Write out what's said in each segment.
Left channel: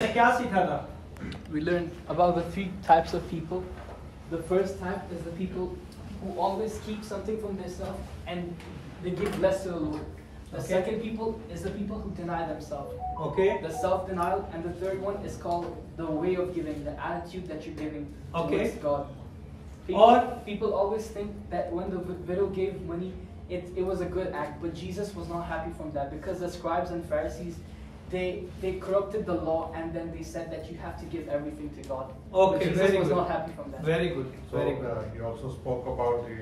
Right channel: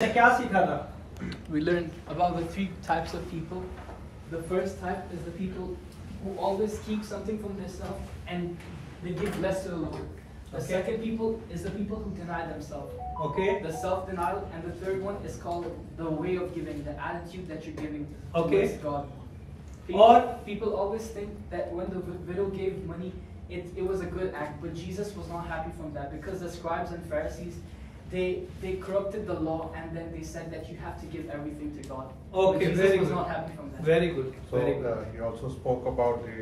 क्या सीखा था? We learned about the three types of people. The first type is the people who always keep something from themselves and they give less to the Lord. The second people is the people who deny themselves. Okay. The self-denial, and the third one is called the way of giving, the attitude that you're giving towards God. People always think that when the widow gave money, it was a good act, but Jesus was not happy from that because the scribes and Pharisees, they corrupted the law and then they said that you have to give everything to God. Okay, Jesus very was good. not happy from that. Very good. Very So, good. he also spoke about the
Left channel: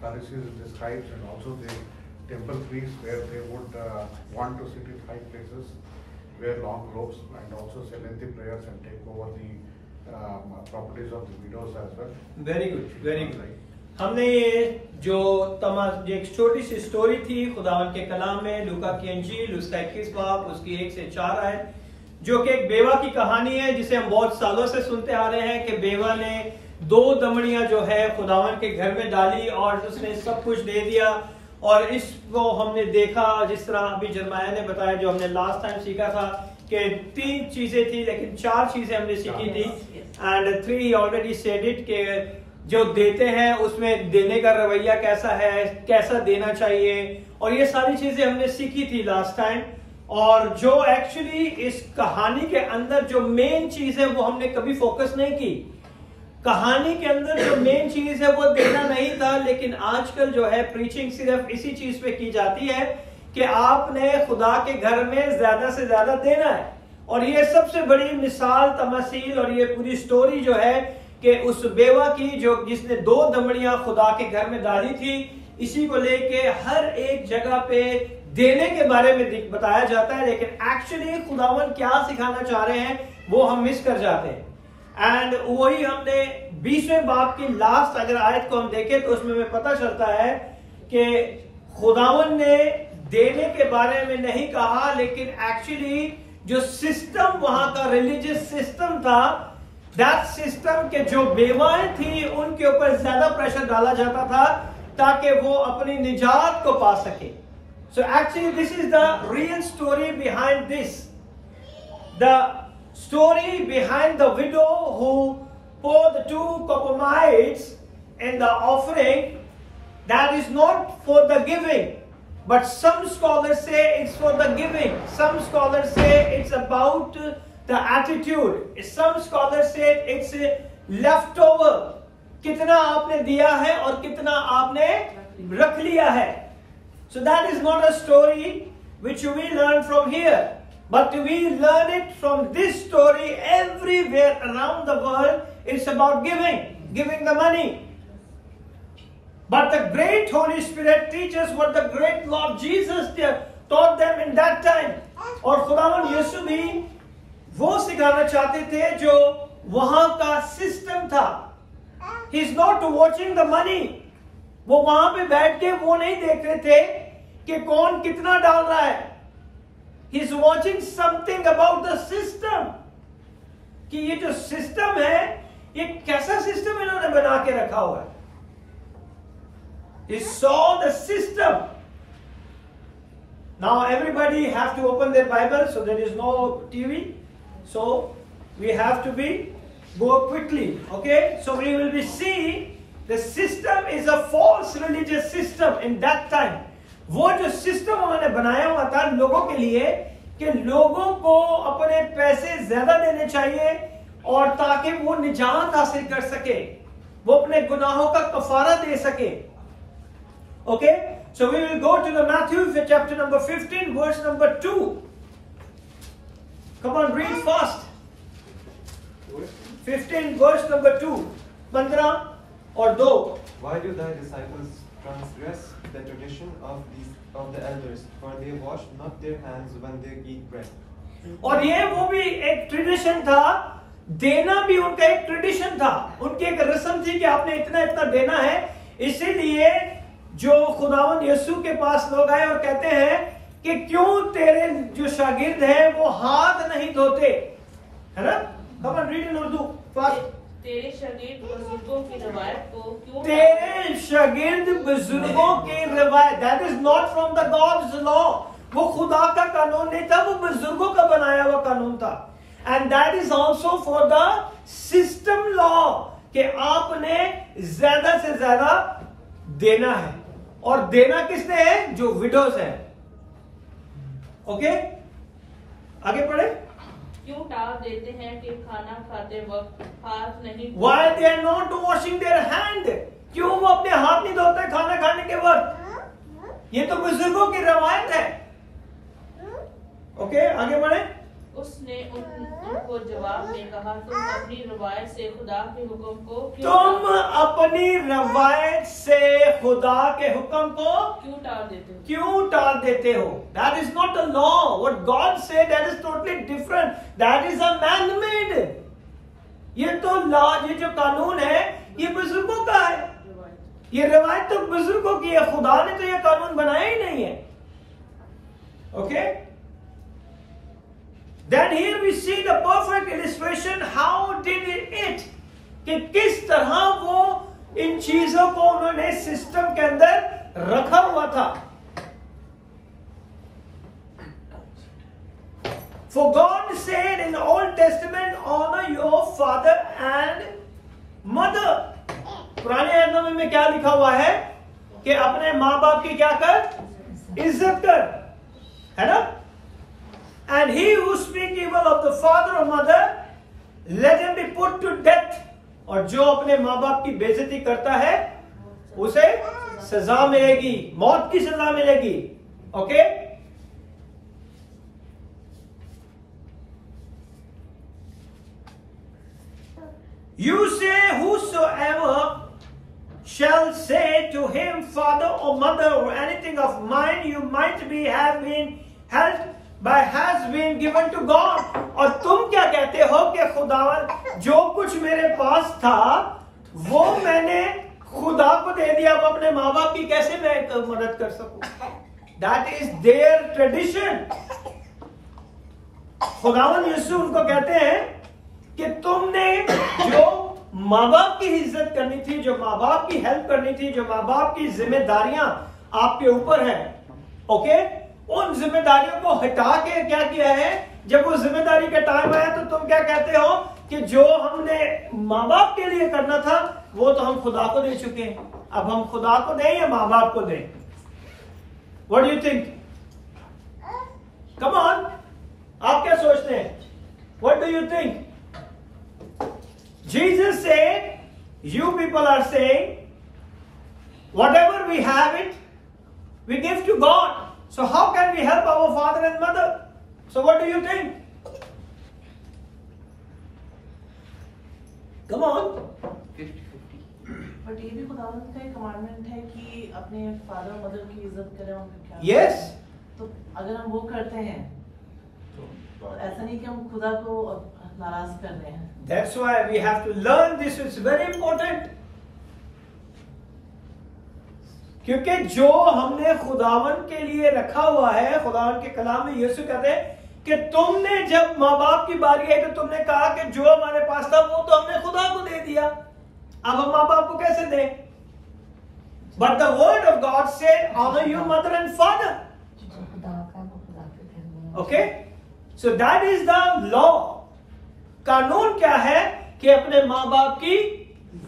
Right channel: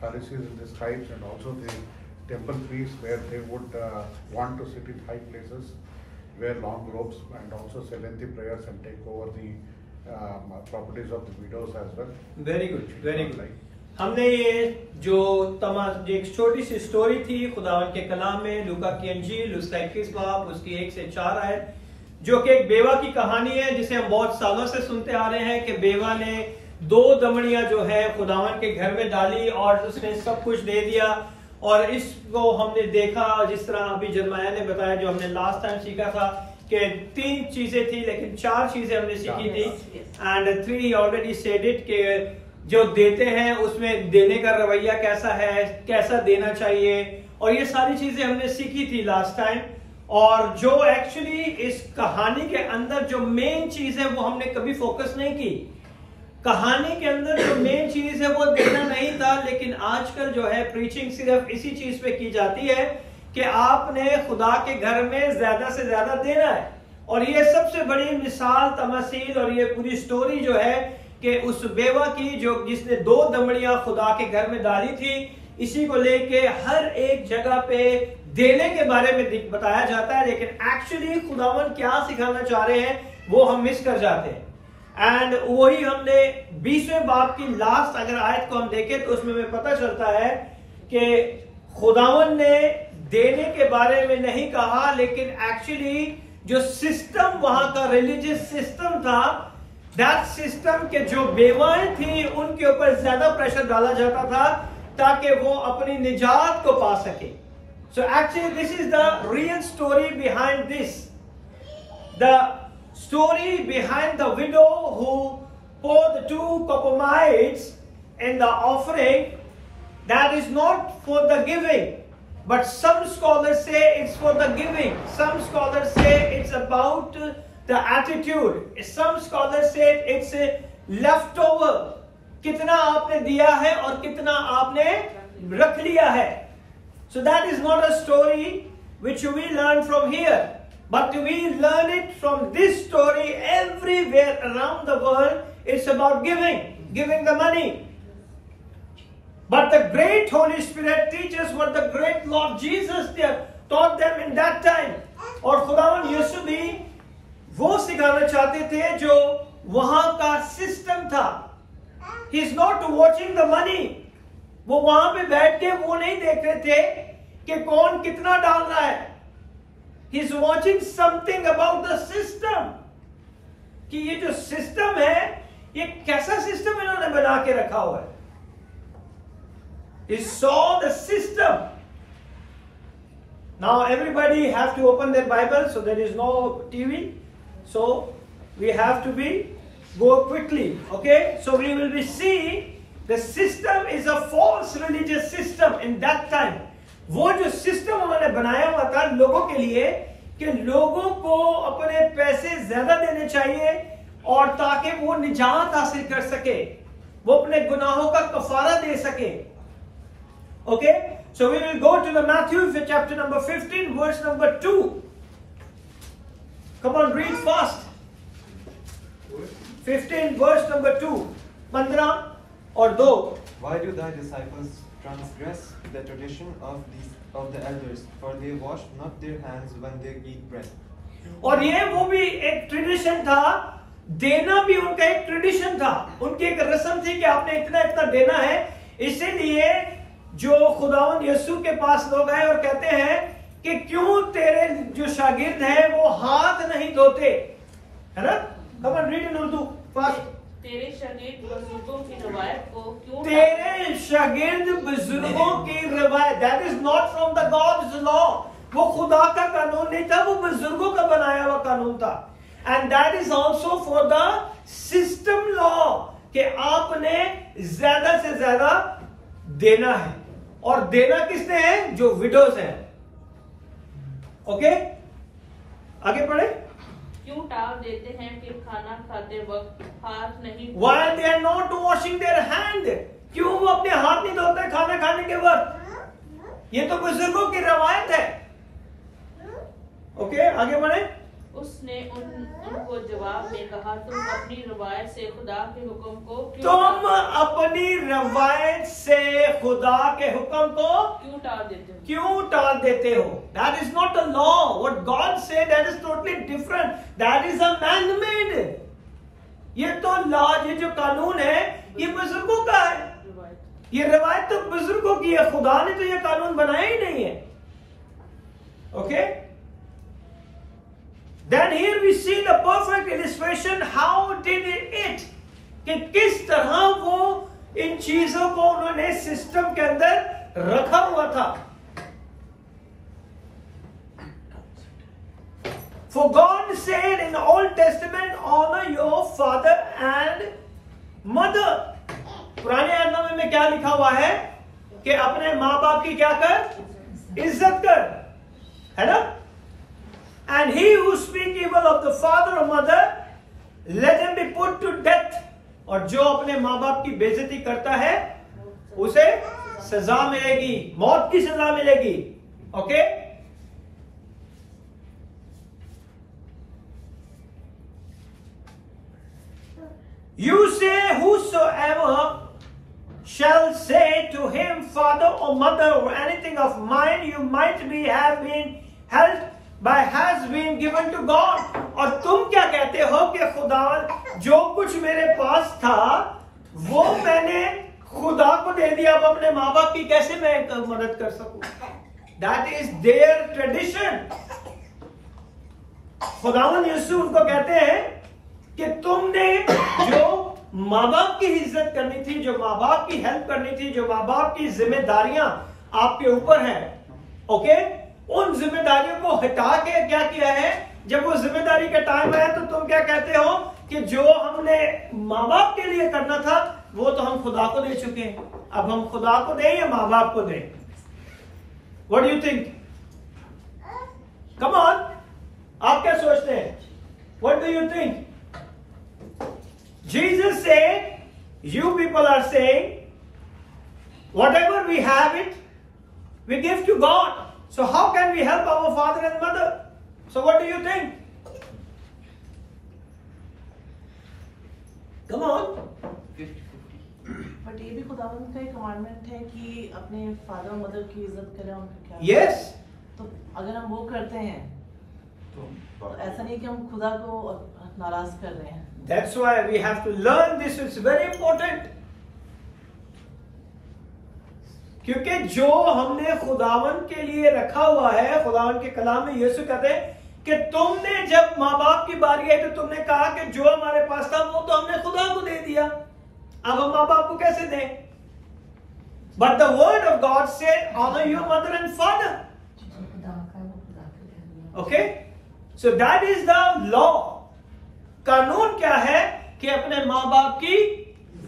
Pharisees and the scribes and also the temple priests where they would want to sit in high places, wear long robes and also say lengthy prayers and take over the properties of the widows as well. Very good, very good. हमने ये जो एक छोटी सी story थी खुदावन के कलाम में, लूका की अंजील उसका 21 बाब उसकी 1 से 4 आयत, जो कि एक बेवा की कहानी है जिसे हम बहुत सालों से सुनते आ रहे हैं कि बेवा ने 2 दमड़ियां जो है खुदावन के घर में डाली और उसने सब कुछ दे दिया। और इसको हमने देखा जिस तरह अभी जरमाया ने बताया, जो हमने लास्ट टाइम सीखा था कि 3 चीजें थी लेकिन 4 चीजें हमने सीखी थी। एंड 3 ऑलरेडी सेड इट के जो देते हैं उसमें देने का रवैया कैसा है, कैसा देना चाहिए, और ये सारी चीजें हमने सीखी थी लास्ट टाइम। और जो एक्चुअली इस कहानी के अंदर जो मेन चीज है वो हमने कभी फोकस नहीं की। कहानी के अंदर जो मेन चीज है वो देना नहीं था, लेकिन आजकल जो है प्रीचिंग सिर्फ इसी चीज पे की जाती है कि आपने खुदा के घर में ज्यादा से ज्यादा देना है। और ये सबसे बड़ी मिसाल तमसील और ये पूरी स्टोरी जो है कि उस बेवा की जो जिसने 2 दमड़ियां खुदा के घर में डाली थी, इसी को लेके हर एक जगह पे देने के बारे में बताया जाता है, लेकिन एक्चुअली खुदावन क्या सिखाना चाह रहे हैं वो हम मिस कर जाते हैं। एंड वही हमने 20वें बाब की लास्ट अगर आयत को हम देखें तो उसमें हमें पता चलता है कि खुदावन ने देने के बारे में नहीं कहा, लेकिन एक्चुअली जो सिस्टम वहां का रिलीजियस सिस्टम था, दैट सिस्टम के जो बेवाएं थी उनके ऊपर ज्यादा प्रेशर डाला जाता था ताकि वो अपनी निजात को पा सके। So actually this is the real story behind this, the story behind the widow who poured the 2 copper mites in the offering. That is not for the giving, but some scholars say it's for the giving. Some scholars say it's about the attitude. Some scholars say it's a leftover. कितना आपने दिया है और कितना आपने रख लिया है. So that is not a story which we learn from here. But we learn it from this story everywhere around the world. It's about giving the money. But the great Holy Spirit teaches what the great Lord Jesus taught them in that time. और खुदावन यीशु भी वो सिखाना चाहते थे जो वहां का सिस्टम था। He is not watching the money. वो वहां पे बैठ के वो नहीं देख रहे थे कि कौन कितना डाल रहा है। He's watching something about the system. कि ये जो सिस्टम है ये कैसा सिस्टम इन्होंने बना के रखा हुआ है। He saw the system. Now everybody have to open their Bible, so there is no TV. So we have to go quickly. Okay? So we will be see the system is a false religious system in that time. वो जो system उन्होंने बनाया हुआ था लोगों के लिए कि लोगों को अपने पैसे ज्यादा देने चाहिए और ताकि वो निजात हासिल कर सके, वो अपने गुनाहों का कफारा दे सके। Okay, so we will go to the Matthew chapter number 15 verse number 2। Come on, read fast. 15 verse number 2, 15 और 2। Why do thy disciples transgress the tradition of the elders, for they wash not their hands when they eat bread? और ये वो भी एक tradition था, देना भी उनका एक ट्रेडिशन था, उनकी एक रस्म थी कि आपने इतना इतना देना है। इसीलिए जो खुदावंद यीशु के पास लोग आए और कहते हैं कि क्यों तेरे जो शागिर्द हैं वो हाथ नहीं धोते, है ना? कम on, read in Urdu fast. तेरे शागिर्द बुजुर्गों की रवायत को क्यों, तेरे शागिर्द बुजुर्गों की रवायत, that is not from the gods law. वो खुदा का कानून नहीं था, वो बुजुर्गों का बनाया हुआ कानून था। And that is also for the system law, कि आपने ज्यादा से ज्यादा देना है, और देना किसने है? जो विडोज है। ओके, आगे पढ़े। क्यों टाल देते हैं कि खाना खाते वक्त हाथ नहीं? Why they are not washing their hand? क्यों वो अपने हाथ नहीं धोते खाना खाने के वक्त? ये तो बुजुर्गों की रवायत है। ओके, आगे बढ़े। उसने उनको जवाब में कहा, तुम अपनी रवायत से खुदा के हुक्म को तुम अपनी रवायत से खुदा के हुक्म को क्यों टाल देते हो? That is not a law. What God said, that is totally different. That is a man-made. ये तो लॉ, ये जो कानून है, ये बुजुर्गों का है। ये रवायत तो बुजुर्गों की है, खुदा ने तो ये कानून बनाया ही नहीं है। Okay, Then here we see the perfect illustration. How did it? कि किस तरह वो इन चीजों को उन्होंने सिस्टम के अंदर रखा हुआ था। For God said in the Old Testament, honor your father and mother. पुराने नियम में क्या लिखा हुआ है? कि अपने माँ बाप की क्या कर? इज्जत कर, है ना? And he who speak evil of the father or mother, let him be put to death. और जो अपने माँ बाप की बेइज्जती करता है, उसे सजा मिलेगी, मौत की सजा मिलेगी। Okay, you say whosoever shall say to him father or mother or anything of mine you might be have been held by has been given to God. और तुम क्या कहते हो कि खुदावन जो कुछ मेरे पास था वो मैंने खुदा को दे दिया, अब अपने माँ बाप की कैसे मैं मदद कर सकूं? That is their tradition. खुदावन यीशु उनको कहते हैं कि तुमने जो माँ बाप की इज्जत करनी थी, जो माँ बाप की हेल्प करनी थी, जो माँ बाप की जिम्मेदारियां आपके ऊपर हैं, ओके, उन जिम्मेदारियों को हटा के क्या किया है? जब वो जिम्मेदारी का टाइम आया तो तुम क्या कहते हो कि जो हमने माँ बाप के लिए करना था वो तो हम खुदा को दे चुके हैं, अब हम खुदा को दें या माँ बाप को दें? What do you think? Come on, आप क्या सोचते हैं? What do you think? Jesus said, you people are saying, whatever we have it, we give to God. So how can we help our father and mother? So what do you think? Come on. 50-50. But ये भी खुदावंद का एक commandment है कि अपने father और mother की इज्जत करें, उनको क्या? Yes. तो अगर हम वो करते हैं तो ऐसा नहीं कि हम खुदा को नाराज कर रहे हैं। That's why we have to learn this. It's very important. क्योंकि जो हमने खुदावन के लिए रखा हुआ है, खुदावन के कलाम में यीशु कहते हैं कि तुमने जब माँ बाप की बारी आई तो तुमने कहा कि जो हमारे पास था वो तो हमने खुदा को दे दिया, अब हम माँ बाप को कैसे दें? But the word of God said, honor your mother and father. Okay? So that is the law. कानून क्या है कि अपने माँ बाप की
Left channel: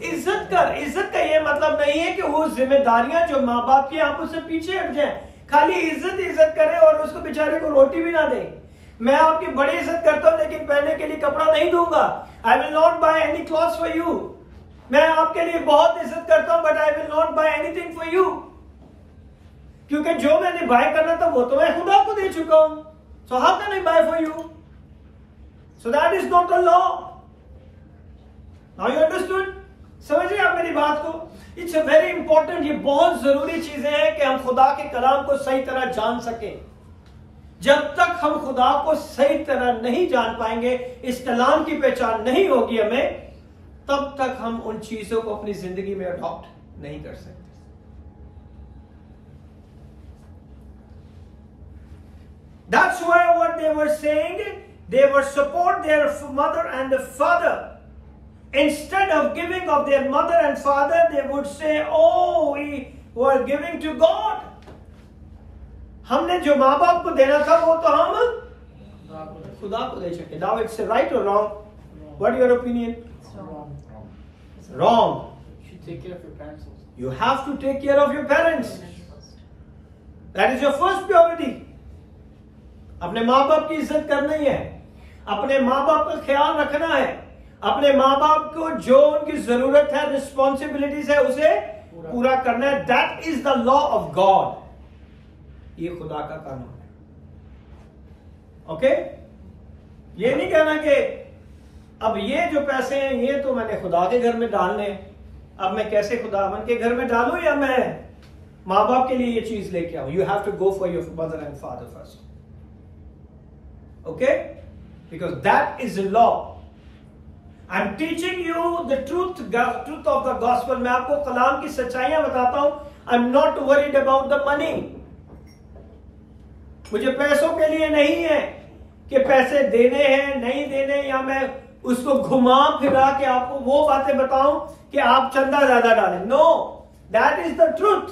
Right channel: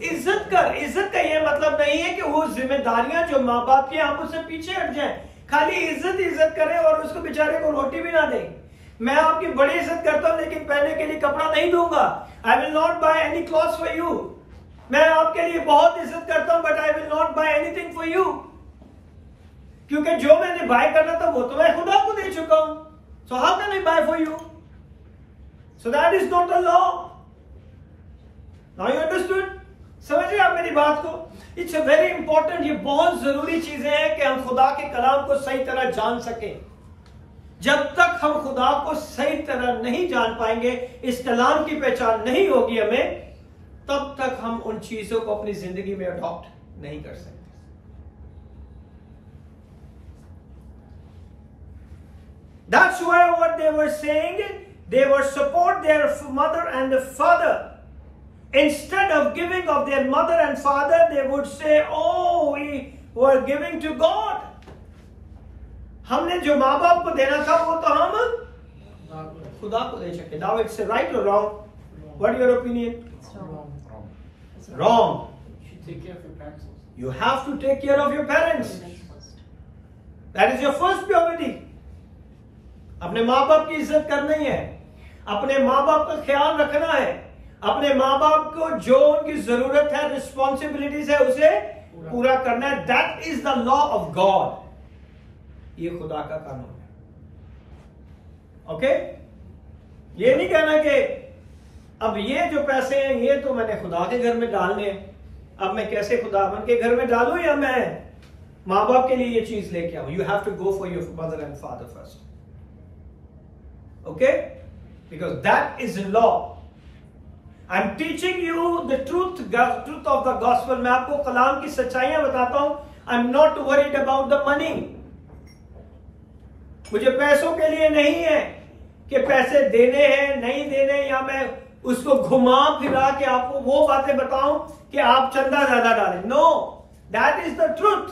इज्जत कर। इज्जत का ये मतलब नहीं है कि वो जिम्मेदारियां जो माँ बाप की आप उससे पीछे हट जाए, खाली इज्जत करें और उसको बेचारे को रोटी भी ना दें। मैं आपकी बड़ी इज्जत करता हूं लेकिन पहनने के लिए कपड़ा नहीं दूंगा। I will not buy any clothes for you. मैं आपके लिए बहुत इज्जत करता हूं but I will not buy anything for you, क्योंकि जो मैंने बाय करना था वो तो मैं खुदा को दे चुका हूं। So how can I buy for you? So that is not a law. Now you understood? समझिए आप मेरी बात को। It's a very important, ये बहुत जरूरी चीजें हैं कि हम खुदा के कलाम को सही तरह जान सकें। जब तक हम खुदा को सही तरह नहीं जान पाएंगे, इस कलाम की पहचान नहीं होगी हमें, तब तक हम उन चीजों को अपनी जिंदगी में अडॉप्ट नहीं कर सकते। That's why what they were saying, they would support their mother and the father. Instead of giving of their mother and father, they would say, oh, we were giving to God. हमने जो माँ बाप को देना था वो तो हम खुदा को दे सके. Now it's right or wrong? What is your opinion? Wrong. You should take care of your parents. You have to take care of your parents. That is your first priority. अपने माँ बाप की इज्जत करनी है, अपने माँ बाप का ख्याल रखना है, अपने माँ बाप को जो उनकी जरूरत है, रिस्पॉन्सिबिलिटीज है, उसे पूरा करना है. That is the law of God. ये खुदा का कानून है. ओके? ये नहीं कहना कि अब ये जो पैसे हैं ये तो मैंने खुदा के घर में डालने हैं, अब मैं कैसे खुदावन के घर में डालूं या मैं माँ बाप के लिए ये चीज लेके आऊं. You have to go for your mother and father first. Okay? Because that is the law. I am teaching you the truth of the gospel. मैं आपको कलाम की सच्चाइयां बताता हूं. I am not worried about the money. मुझे पैसों के लिए नहीं है कि पैसे देने हैं नहीं देने, या मैं उसको घुमा फिरा के आपको वो बातें बताऊं कि आप चंदा ज्यादा डालें. No, that is the truth.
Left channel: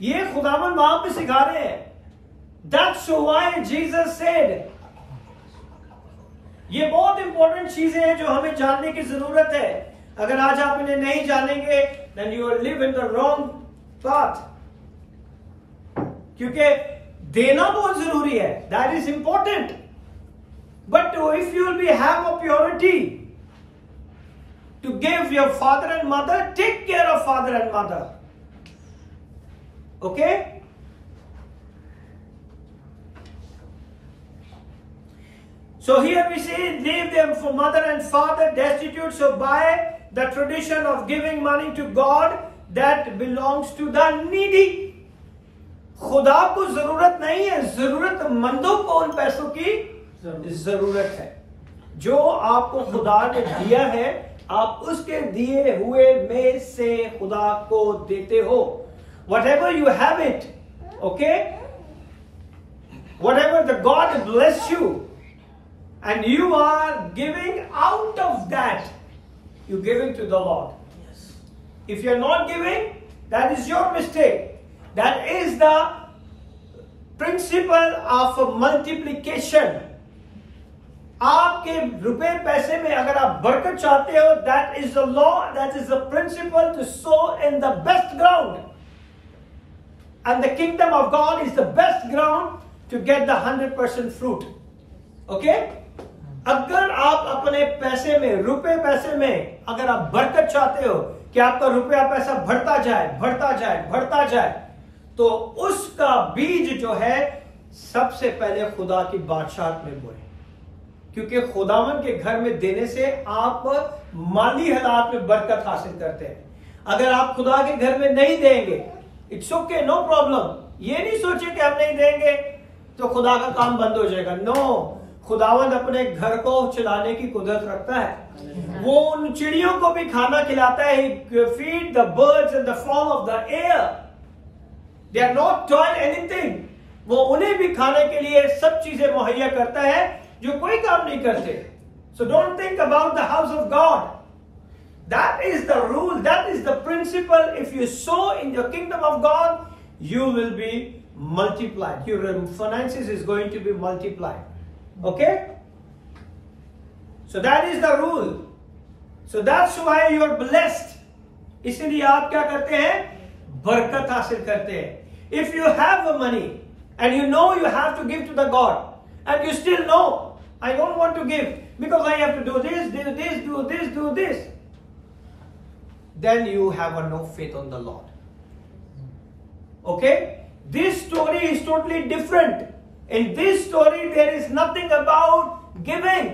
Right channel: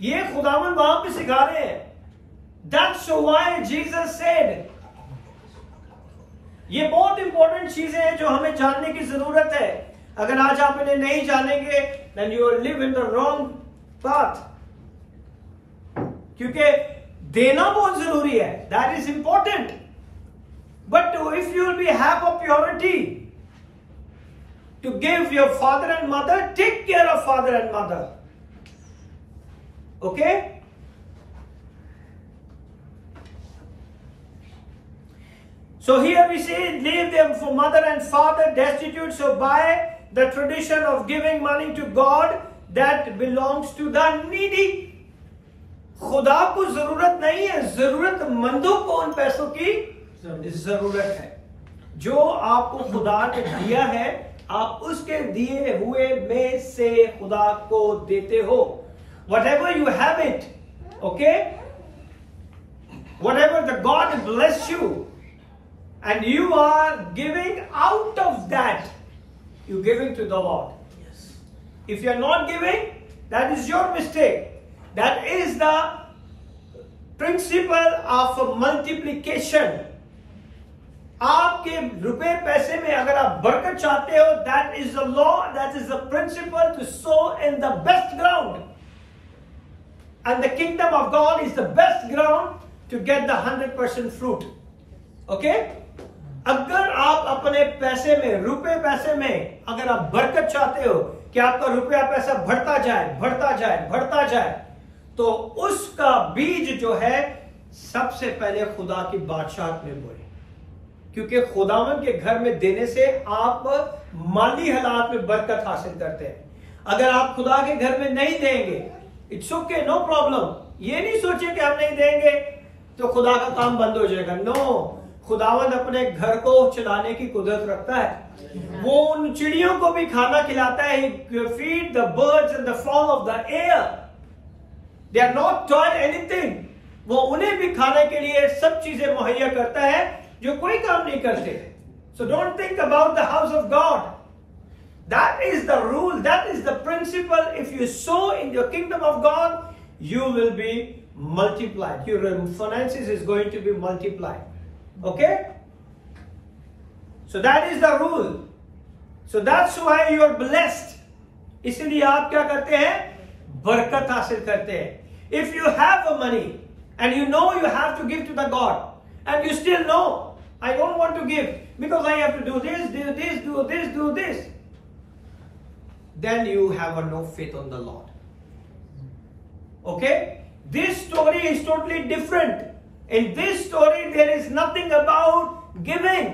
ये खुदावन वहां पे सिखा रहे हैं. That's why Jesus said. ये बहुत इंपॉर्टेंट चीजें हैं जो हमें जानने की जरूरत है. अगर आज आप इन्हें नहीं जानेंगे then you will live in the wrong path. क्योंकि देना बहुत जरूरी है. That is important. But if you will have a purity to give your father and mother, take care of father and mother. Okay? So here we see, leave them for mother and father destitute. So by the tradition of giving money to God, that belongs to the needy. खुदा को जरूरत नहीं है, जरूरतमंदों को उन पैसों की जरूरत है. जो आपको खुदा ने दिया है, आप उसके दिए हुए में से खुदा को देते हो. Whatever you have it, okay? Whatever the God bless you, and you are giving out of that, you're giving to the Lord. Yes. If you're not giving, that is your mistake. That is the principle of multiplication. आपके रुपए पैसे में अगर आप बरकत चाहते हो, that is the law, that is the principle to sow in the best ground. And the kingdom of God is the best ground to get the 100% fruit. Okay? अगर आप अपने पैसे में, रुपए पैसे में अगर आप बरकत चाहते हो कि आपका रुपया पैसा बढ़ता जाए बढ़ता जाए बढ़ता जाए, तो उसका बीज जो है सबसे पहले खुदा की बादशाहत में बोए. क्योंकि खुदावन के घर में देने से आप माली हालात में बरकत हासिल करते हैं. अगर आप खुदा के घर में नहीं देंगे, इट्स ओके, नो प्रॉब्लम. ये नहीं सोचे कि हम नहीं देंगे तो खुदा का काम बंद हो जाएगा. नो, खुदावन अपने घर को चलाने की कुदरत रखता है. वो उन चिड़ियों को भी खाना खिलाता है. Feed the birds in the fall of the air. They are not doing anything. वो उन्हें भी खाने के लिए सब चीजें मुहैया करता है जो कोई काम नहीं करते. So don't think about the house of God. That is the rule, that is the principle. If you sow in your kingdom of God, you will be multiplied. Your finances is going to be multiplied. Okay? So that is the rule. So that's why you are blessed. इसलिए आप क्या करते हैं? बरकत हासिल करते हैं. If you have money and you know you have to give to the God, and you still know, I don't want to give because I have to do this, do this, do this, do this, then you have no faith on the Lord. Okay? This story is totally different. In this story, there is nothing about giving.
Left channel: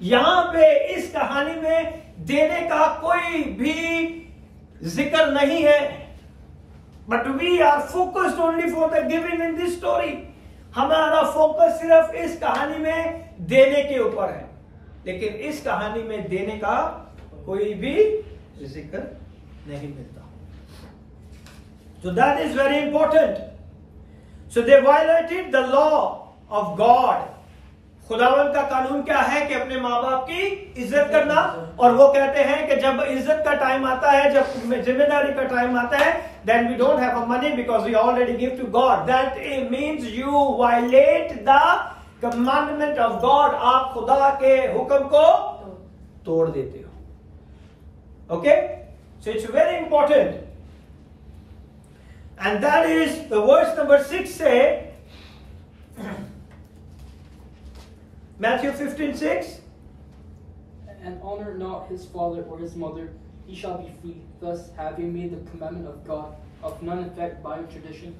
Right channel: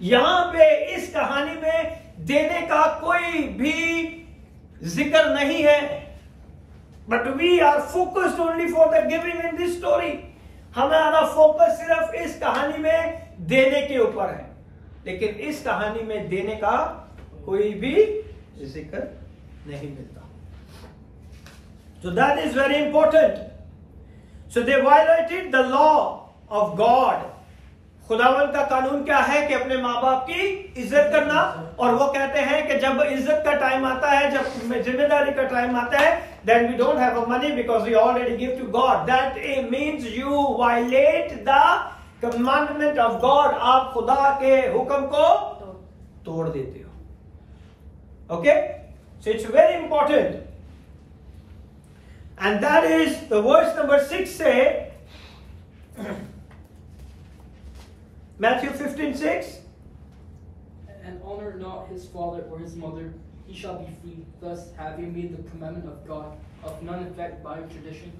यहां पे इस कहानी में देने का कोई भी जिक्र नहीं है. But we are focused only for the giving in this story. हमारा फोकस सिर्फ इस कहानी में देने के ऊपर है. लेकिन इस कहानी में देने का कोई भी जिक्र नहीं मिलता. So that is very important. So they violated the law of God. खुदावन का कानून क्या है कि अपने माँ बाप की इज्जत करना, और वो कहते हैं कि जब इज्जत का टाइम आता है, जब जिम्मेदारी का टाइम आता है, then we don't have a money because we already give to God. That means you violate the commandment of God. आप खुदा के हुक्म को तोड़ देते हो. Okay? So it's very important. And that is the verse number 6 say, Matthew 15:6. And honor not his father or his mother, he shall be free. Thus having made the commandment of God of none effect by tradition.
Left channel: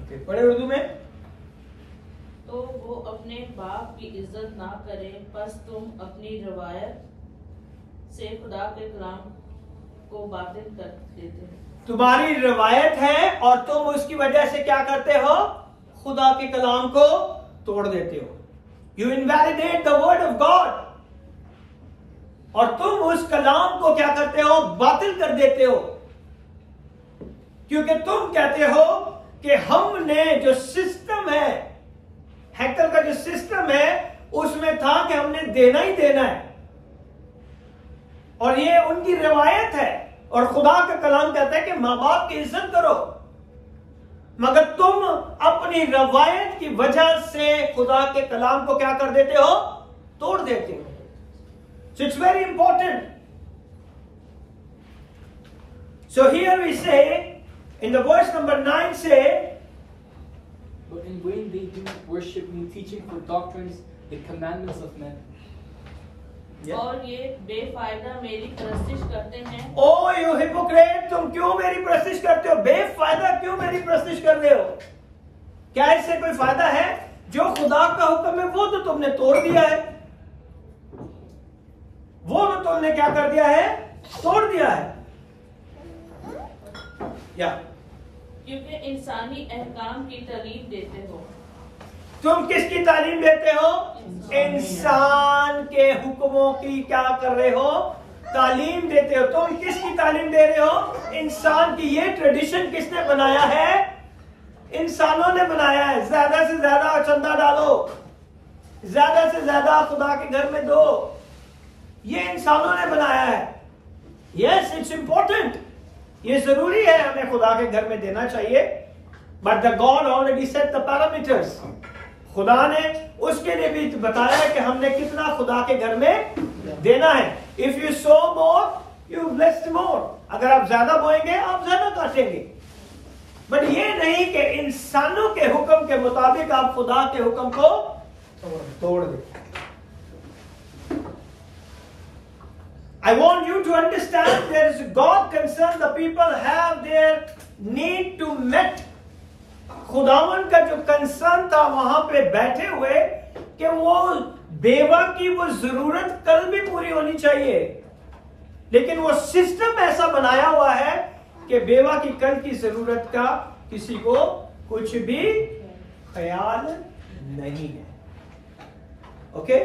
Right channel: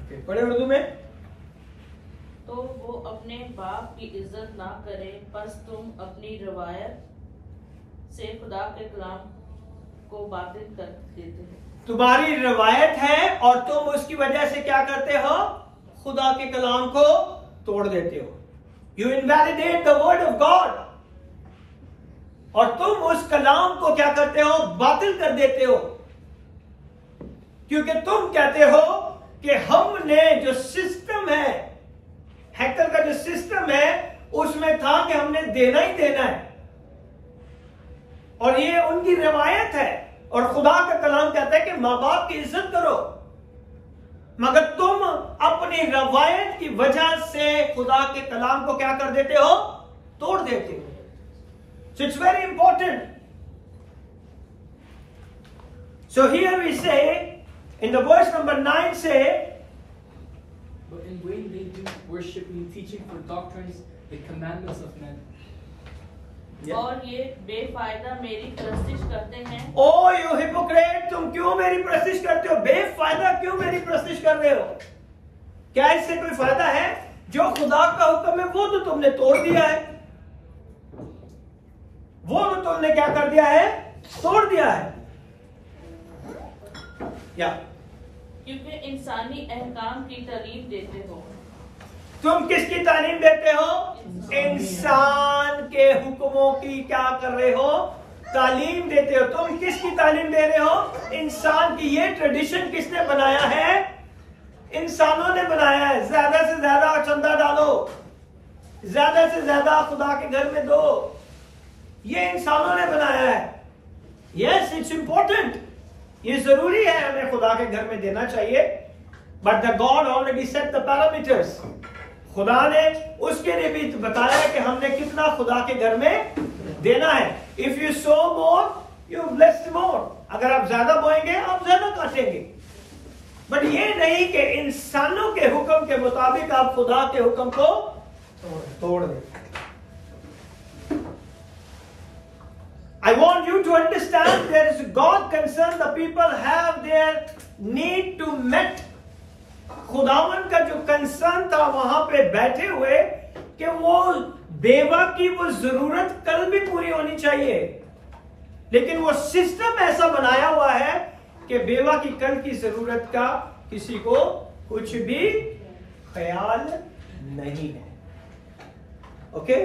Okay, पढ़े उर्दू में. तो वो अपने बाप की इज्जत ना करे, बस तुम अपनी रवायत से खुदा के कलाम को बातिल कर देते हो. तुम्हारी रवायत है और तुम उसकी वजह से क्या करते हो? खुदा के कलाम को तोड़ देते हो. You invalidate the word of God. और तुम उस कलाम को क्या करते हो? बातिल कर देते हो. क्योंकि तुम कहते हो कि हमने जो सिस्टम है, हैकल का जो सिस्टम है, उसमें था कि हमने देना ही देना है, और ये उनकी रिवायत है. और खुदा का कलाम कहता है कि माँ बाप की इज्जत करो, मगर तुम अपनी रवायत की वजह से खुदा के कलाम को क्या कर देते हो? तोड़ देते हो. So it's very important. So here we say, in the verse number 9 say, but in vain they do worship me, teaching for doctrines the commandments of men. और ये बेफायदा मेरी प्रस्तिश करते हैं. ओ यू हिपोक्रेट, तुम क्यों मेरी प्रस्तिश करते हो? बेफायदा क्यों मेरी प्रस्तिश कर रहे हो? क्या इससे कोई फायदा है? जो खुदा का हुक्म है वो तो तुमने तोड़ दिया है. वो तो तुमने क्या कर दिया है? तोड़ दिया है. या क्योंकि इंसानी अहकाम की तालीम देते हो. तुम किसकी तालीम देते हो? इंसान के हुक्मों की क्या कर रहे हो? तालीम देते हो. तुम किसकी तालीम दे रहे हो? इंसान की. ये ट्रेडिशन किसने बनाया है? इंसानों ने बनाया है. ज्यादा से ज्यादा चंदा डालो, ज्यादा से ज्यादा खुदा के घर में दो. ये इंसानों ने बनाया है. Yes, it's important. ये जरूरी है, हमें खुदा के घर में देना चाहिए. But the God already set the parameters. खुदा ने उसके लिए भी बताया है कि हमने कितना खुदा के घर में देना है. If you sow more you bless more. अगर आप ज्यादा बोएंगे आप ज्यादा काटेंगे. बट ये नहीं कि इंसानों के हुक्म के मुताबिक आप खुदा के हुक्म को तोड़ दें. I want you to understand there is God concern. The people have their need to met. खुदावन का जो कंसर्न था वहां पे बैठे हुए कि वो बेवा की वो जरूरत कल भी पूरी होनी चाहिए. लेकिन वो सिस्टम ऐसा बनाया हुआ है कि बेवा की कल की जरूरत का किसी को कुछ भी ख्याल नहीं है. Okay?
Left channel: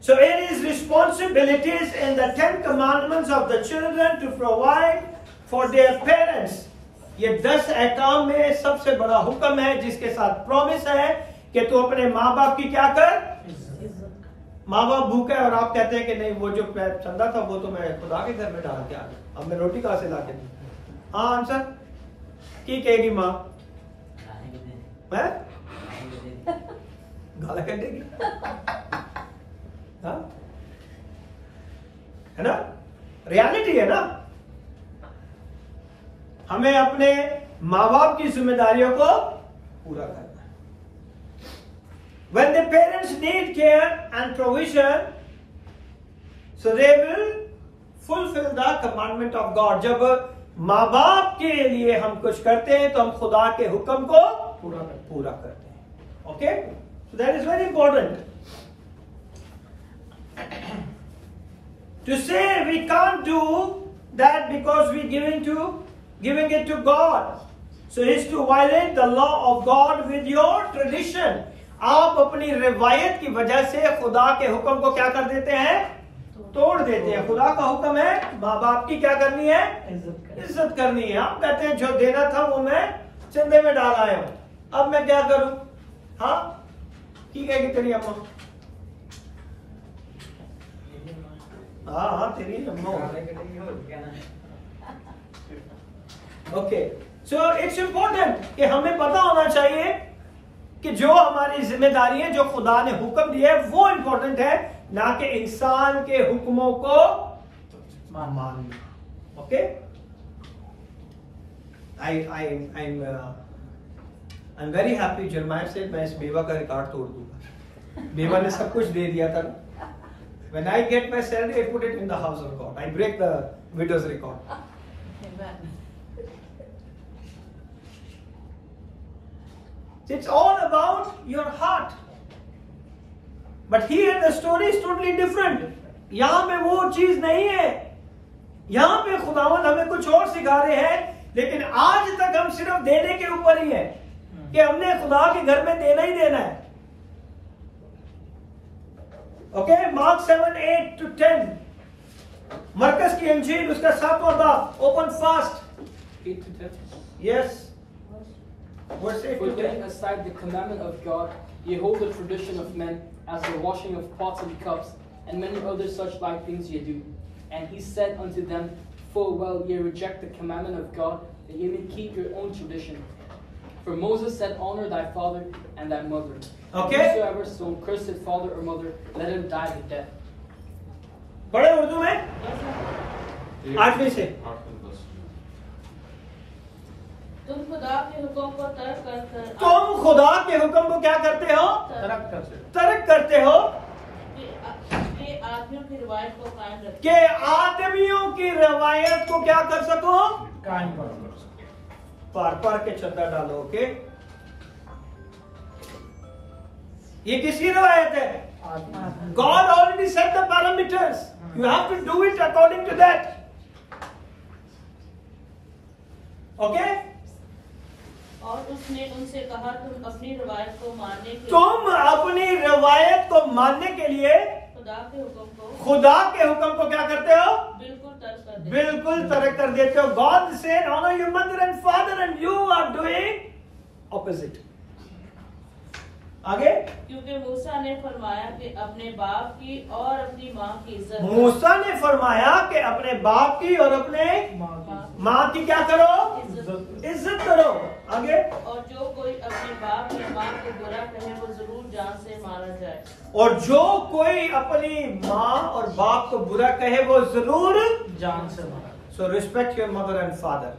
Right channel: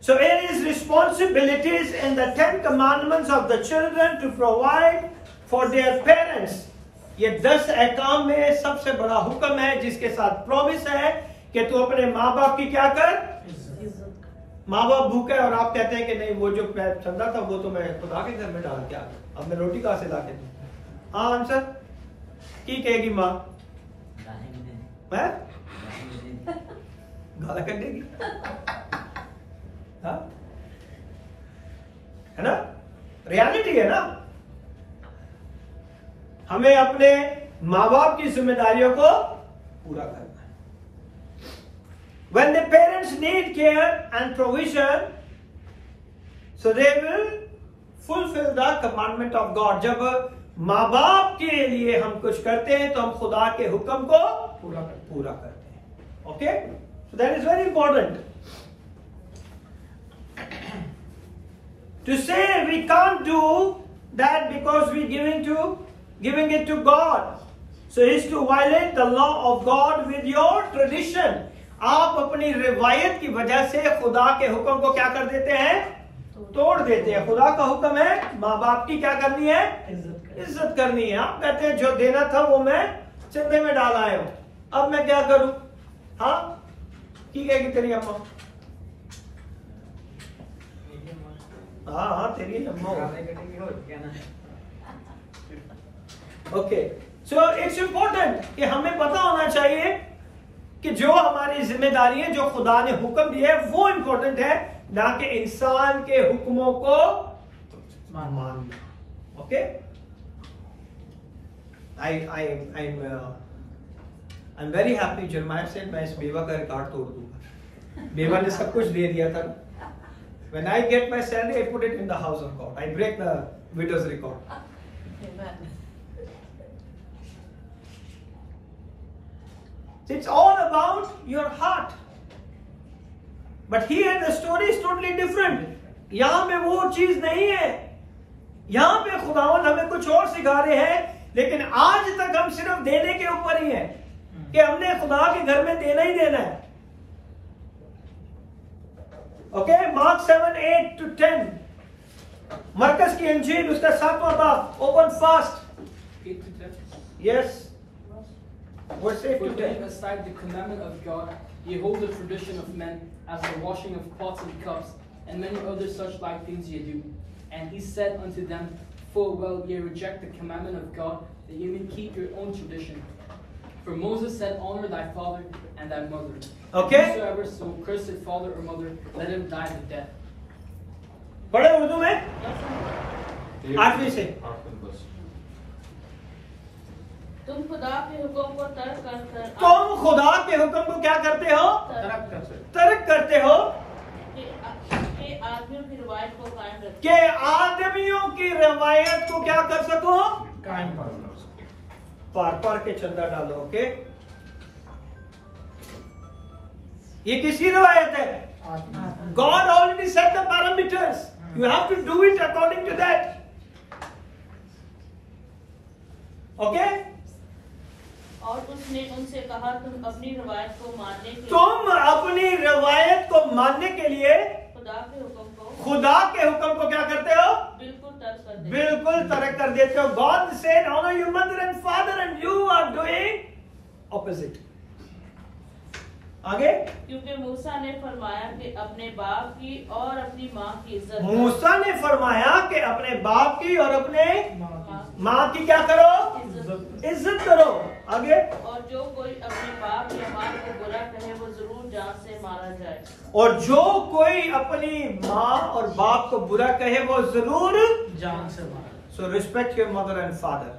So there is responsibilities in the 10 commandments of the children to provide for their parents. ये 10 अहकाम में सबसे बड़ा हुक्म है जिसके साथ प्रॉमिस है कि तू अपने माँ बाप की क्या कर? माँ बाप भूखे और आप कहते हैं कि नहीं वो जो चंदा था वो तो मैं खुदा के घर में डाल के आ गया, अब मैं रोटी कहां से ला के दूं? हाँ आंसर की कहेगी माँ? मैं गाला कर देगी. हाँ? है ना? रियलिटी है ना. हमें अपने माँ बाप की जिम्मेदारियों को पूरा करना है. When the parents need care and provision, so they will fulfill the commandment of God. जब माँ बाप के लिए हम कुछ करते हैं तो हम खुदा के हुक्म को पूरा करते हैं. Okay? So that is very important. To say we can't do that because we giving it to God. So is to violate the law of God with your tradition. आप अपनी रिवायत की वजह से खुदा के हुक्म को क्या कर देते हैं? तोड़ देते हैं. खुदा का हुक्म है माँ बाप की क्या करनी है? इज्जत करनी है. आप कहते हैं जो देना था वो मैं चंदे में डाल आया हूं, अब मैं क्या करूं? हाँ, की कहेगी तेरी अम्मा? हाँ तेरी अम्मा हो। ओके, सो इट्स इंपॉर्टेंट कि हमें पता होना चाहिए कि जो हमारी जिम्मेदारी है, जो खुदा ने हुक्म दिया है, वो इंपॉर्टेंट है, ना कि इंसान के हुक्मों को मानना। Okay, I'm very happy Jeremiah said मैं इस बेवा का रिकॉर्ड तोड़ दूंगा। बेवा ने सब कुछ दे दिया था। When I get my salary, I put it in the house of God. I break the widow's record. It's all about your heart. But here the story is totally different. यहां पे वो चीज नहीं है। यहां पे खुदावंद हमें कुछ और सिखा रहे हैं, लेकिन आज तक हम सिर्फ देने के ऊपर ही है कि हमने खुदा के घर में देना ही देना है। ओके, मार्क 7:8-10, मरकस की अंजील उसका 7वां बाब, open fast. 8-10. Yes, verse 8 For to 10. laying aside the commandment of God, ye hold the tradition of men, as the washing of pots and cups, and many other such like things ye do. And he said unto them, full well ye reject the commandment of God, that ye may keep your own tradition. For Moses said, honor thy father and thy mother. Okay. And whosoever so curseth father or mother, let him die the death. पढ़े उर्दू में 8वीं से। तुम खुदा के हुक्म को तर्क करते हो। तुम खुदा के हुक्म को क्या करते हो? तर्क करते हो। कि आदमियों की रिवायत को कायम रखो। कि आदमियों की रवायत को क्या कर सको? कायम करो। पढ़ के चंदा डालो। ओके, ये किसकी रवायत है? God already set the parameters. You have to do it according to that. Okay? और उसने उनसे कहा, तुम अपनी रवायत को मानने के तुम अपनी रवायत को मानने के लिए खुदा के हुक्म को क्या करते हो? बिल्कुल तर्क कर देते हो। God said, honor your mother and father, and you are doing opposite. आगे, क्योंकि मूसा ने फरमाया कि अपने बाप की और अपनी माँ की इज्जत। मूसा ने फरमाया कि अपने बाप की और अपने माँ की क्या करो? इज्जत करो। आगे, और जो कोई अपने बाप या माँ को बुरा कहे वो जरूर जान से मारा जाए। और जो कोई अपनी माँ और बाप को बुरा कहे वो जरूर जान से मारा। So respect your mother and father.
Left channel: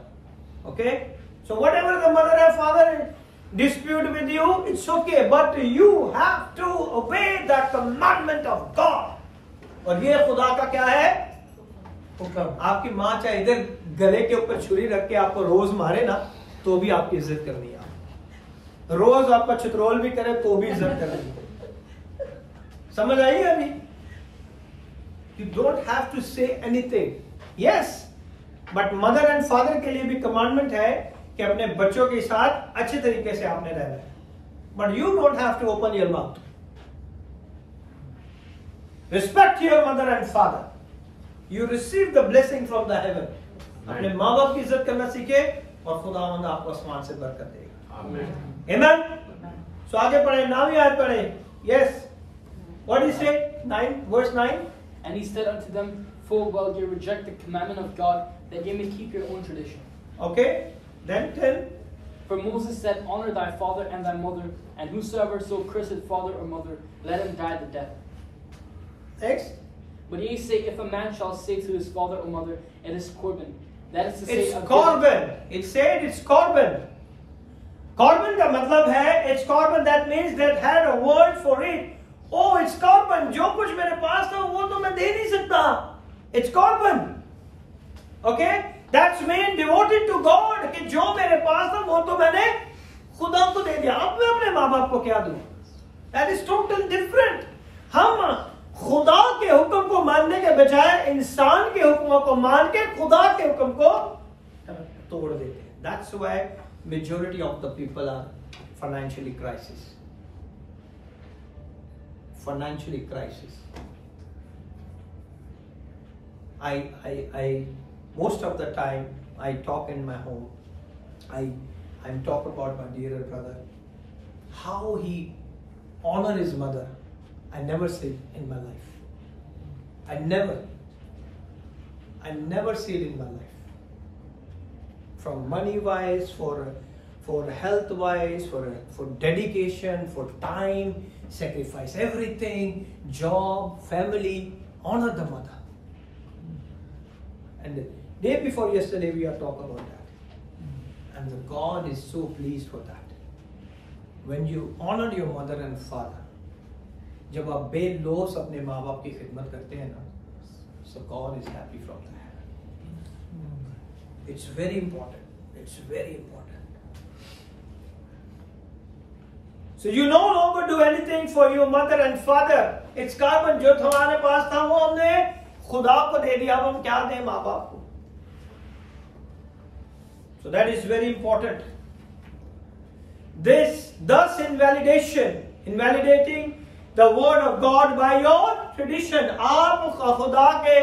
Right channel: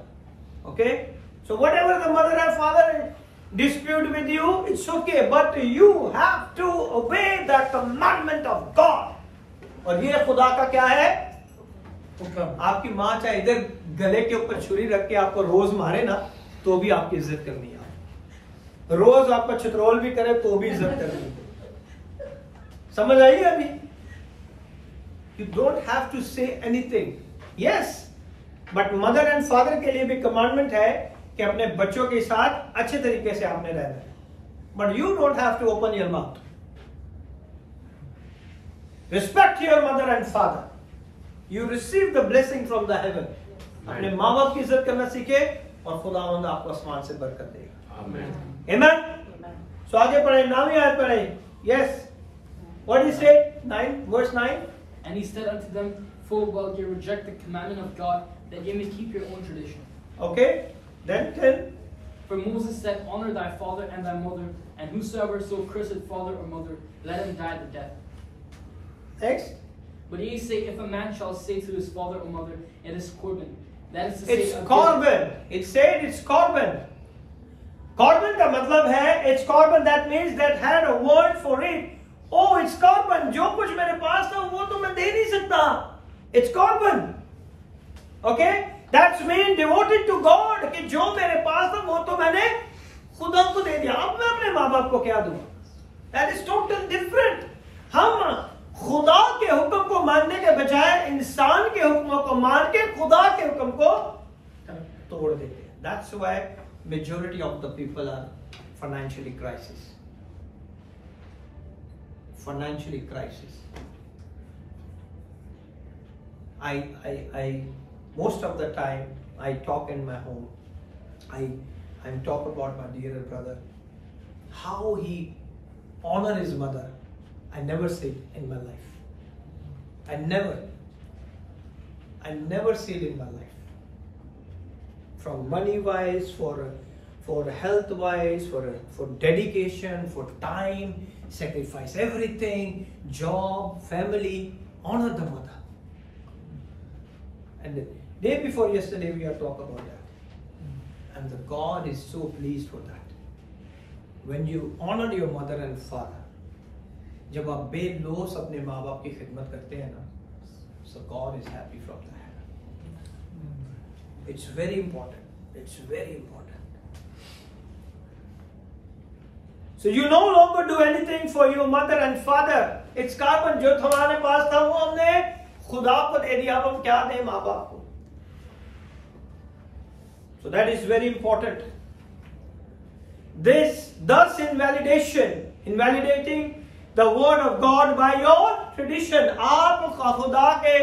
Okay? So whatever the mother and father dispute with you, it's okay, but you have to obey the commandment of God. और ये खुदा का क्या है? आपकी माँ चाहे इधर गले के ऊपर छुरी रख के आपको रोज मारे ना, तो भी आपकी इज्जत करनी है। रोज आपका चित्रोल भी करे तो भी इज्जत करनी है। समझ आई अभी? You don't have to say anything. Yes, but mother and father के लिए भी commandment है कि अपने बच्चों के साथ अच्छे तरीके से आपने रहना है। But you don't have to open your mouth. Respect your mother and father. You receive the blessing from the heaven. अपने माँ बाप की इज्जत करना सीखे और खुदावंद आपको आसमान से बरकत देगा। Amen. So आगे पढ़े, 9वीं आयत पढ़े। Yes. What did he say? 9, verse 9. And he said unto them, full well ye reject the commandment of God, that ye may keep your own tradition. Okay. Then 10. For Moses said, honor thy father and thy mother, and whosoever so curseth father or mother, let him die the death. Next. But ye say, if a man shall say to his father or mother, it is Corban. That is to say, It's Corban. It said it's Corban. Corban का मतलब है, it's Corban, that means that had a word for it. Oh, it's Corban. जो कुछ मेरे पास था वो तो मैं दे नहीं सकता. It's Corban. Okay? That's mean devoted to God. कि जो मेरे पास था वो तो मैंने खुदा को दे दिया. अब मैं अपने माँ बाप को क्या दूँ? That is totally different. हम खुदा के हुक्म को मानने के बजाय इंसान के हुक्मों को मान के खुदा के हुक्म को तोड़ देते हैं. That's why majority of the people are financially crisis. Financially crisis. I most of the time I talk in my home. I'm talk about my dear brother, how he honor his mother. I never see it in my life. I never see it in my life. From money wise, for health wise, for dedication, for time, sacrifice everything, job, family, honor the mother. And the day before yesterday we are talking about that. And the God is so pleased for that. When you honor your mother and father, जब आप बेलौस अपने माँ बाप की खिदमत करते हैं ना, so God is happy from that. It's very important. It's very important. So you no longer do anything for your mother and father. It's carbon जो हमारे पास था वो हमने खुदा को दे दिया, अब हम क्या दें माँ बाप को? So that is very important. Thus invalidating the word of God by your tradition. आप खुदा के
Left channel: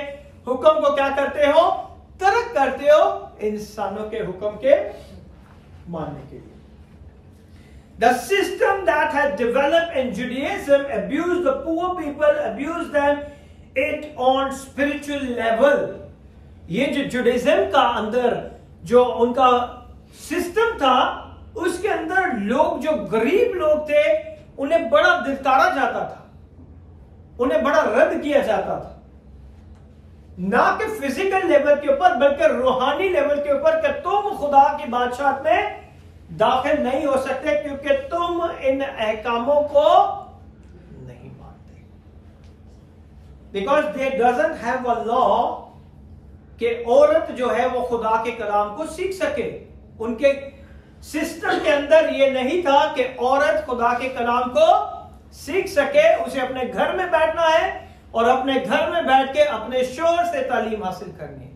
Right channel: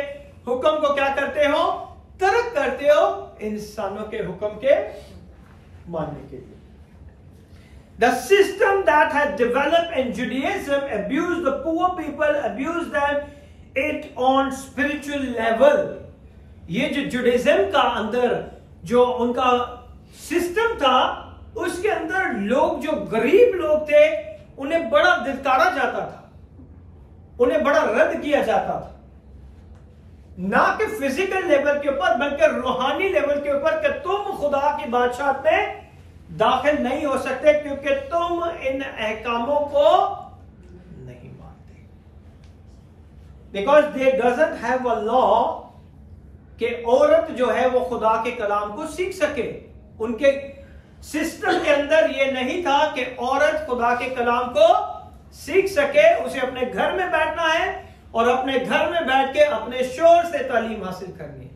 हुक्म को क्या करते हो? तर्क करते हो इंसानों के हुक्म के मानने के लिए. The system that has developed in Judaism abused the poor people, abused them it on spiritual level. ये जो जुडाइज्म का अंदर जो उनका सिस्टम था, उसके अंदर लोग जो गरीब लोग थे उन्हें बड़ा धिक्कारा जाता था, उन्हें बड़ा रद्द किया जाता था, ना कि फिजिकल लेवल के ऊपर बल्कि रूहानी लेवल के ऊपर कि तुम खुदा की बादशाहत में दाखिल नहीं हो सकते क्योंकि तुम इन अहकामों को नहीं मानते. Because they doesn't have a law कि औरत जो है वो खुदा के कलाम को सीख सके. उनके सिस्टम के अंदर ये नहीं था कि औरत खुदा के कलाम को सीख सके. उसे अपने घर में बैठना है और अपने घर में बैठ के अपने शोर से तालीम हासिल करनी है.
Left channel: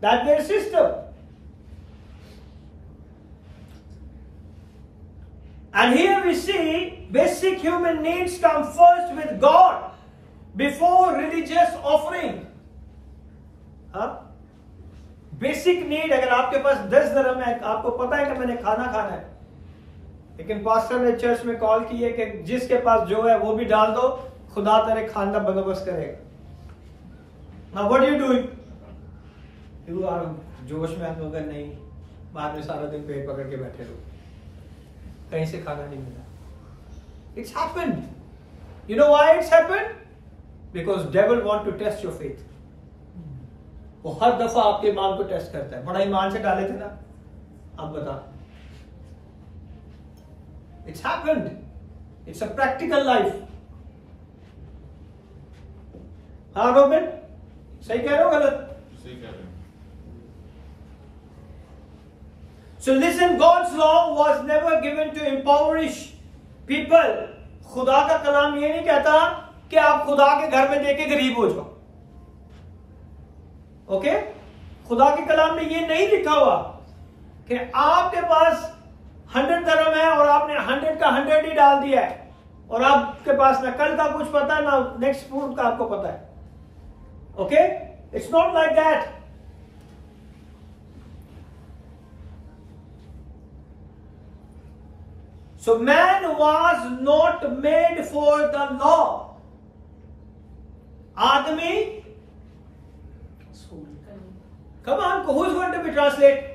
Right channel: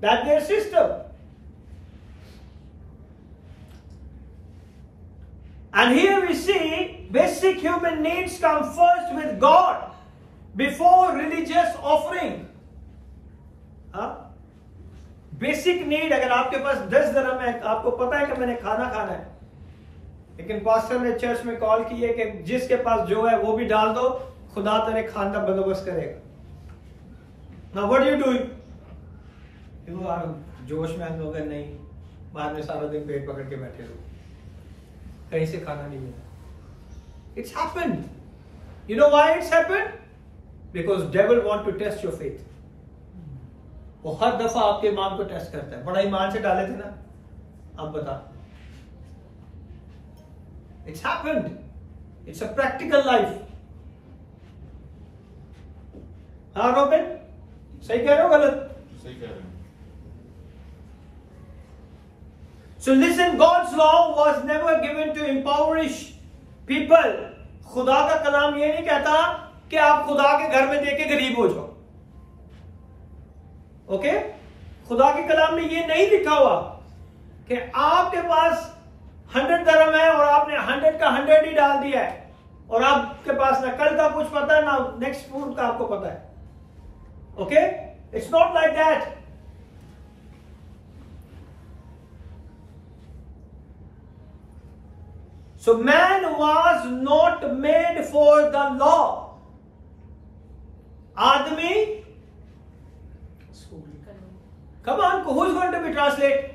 That's there system. And here we see basic human needs come first with God before religious offering. Basic need, अगर आपके पास 10 दिरहम है, आपको पता है कि मैंने खाना खाना है, लेकिन पास्टर ने चर्च में कॉल की है कि जिसके पास जो है वो भी डाल दो, खुदा तेरे खाना बंदोबस्त करेगा. Now what are you doing? जोश में अगर नहीं, बाद में सारा दिन पेट पकड़ के बैठे रहो, कहीं से खाना नहीं मिला. It's happened. You know why it's happened? Because devil want to test your faith. वो हर दफा आपके ईमान को टेस्ट करता है. बड़ा ईमान से डाले थे ना, अब बता. It's happened. It's a practical life. हाँ रोबिन, सही कह रहे हो गलत? सही कह रहे हो. So listen, God's law was never given to impoverish people. खुदा का कलाम ये नहीं कहता कि आप खुदा के घर में देके गरीब हो जाओ. ओके? खुदा के कलाम में ये नहीं लिखा हुआ कि आपके पास 100 दिरहम है और आपने 100 का 100 ही डाल दिया है और आपके पास ना कल का कुछ पता है ना नेक्स्ट फूड का आपको पता है. Okay? It's not like that. So man was not made for the law. आदमी, come on, who's going to be translate?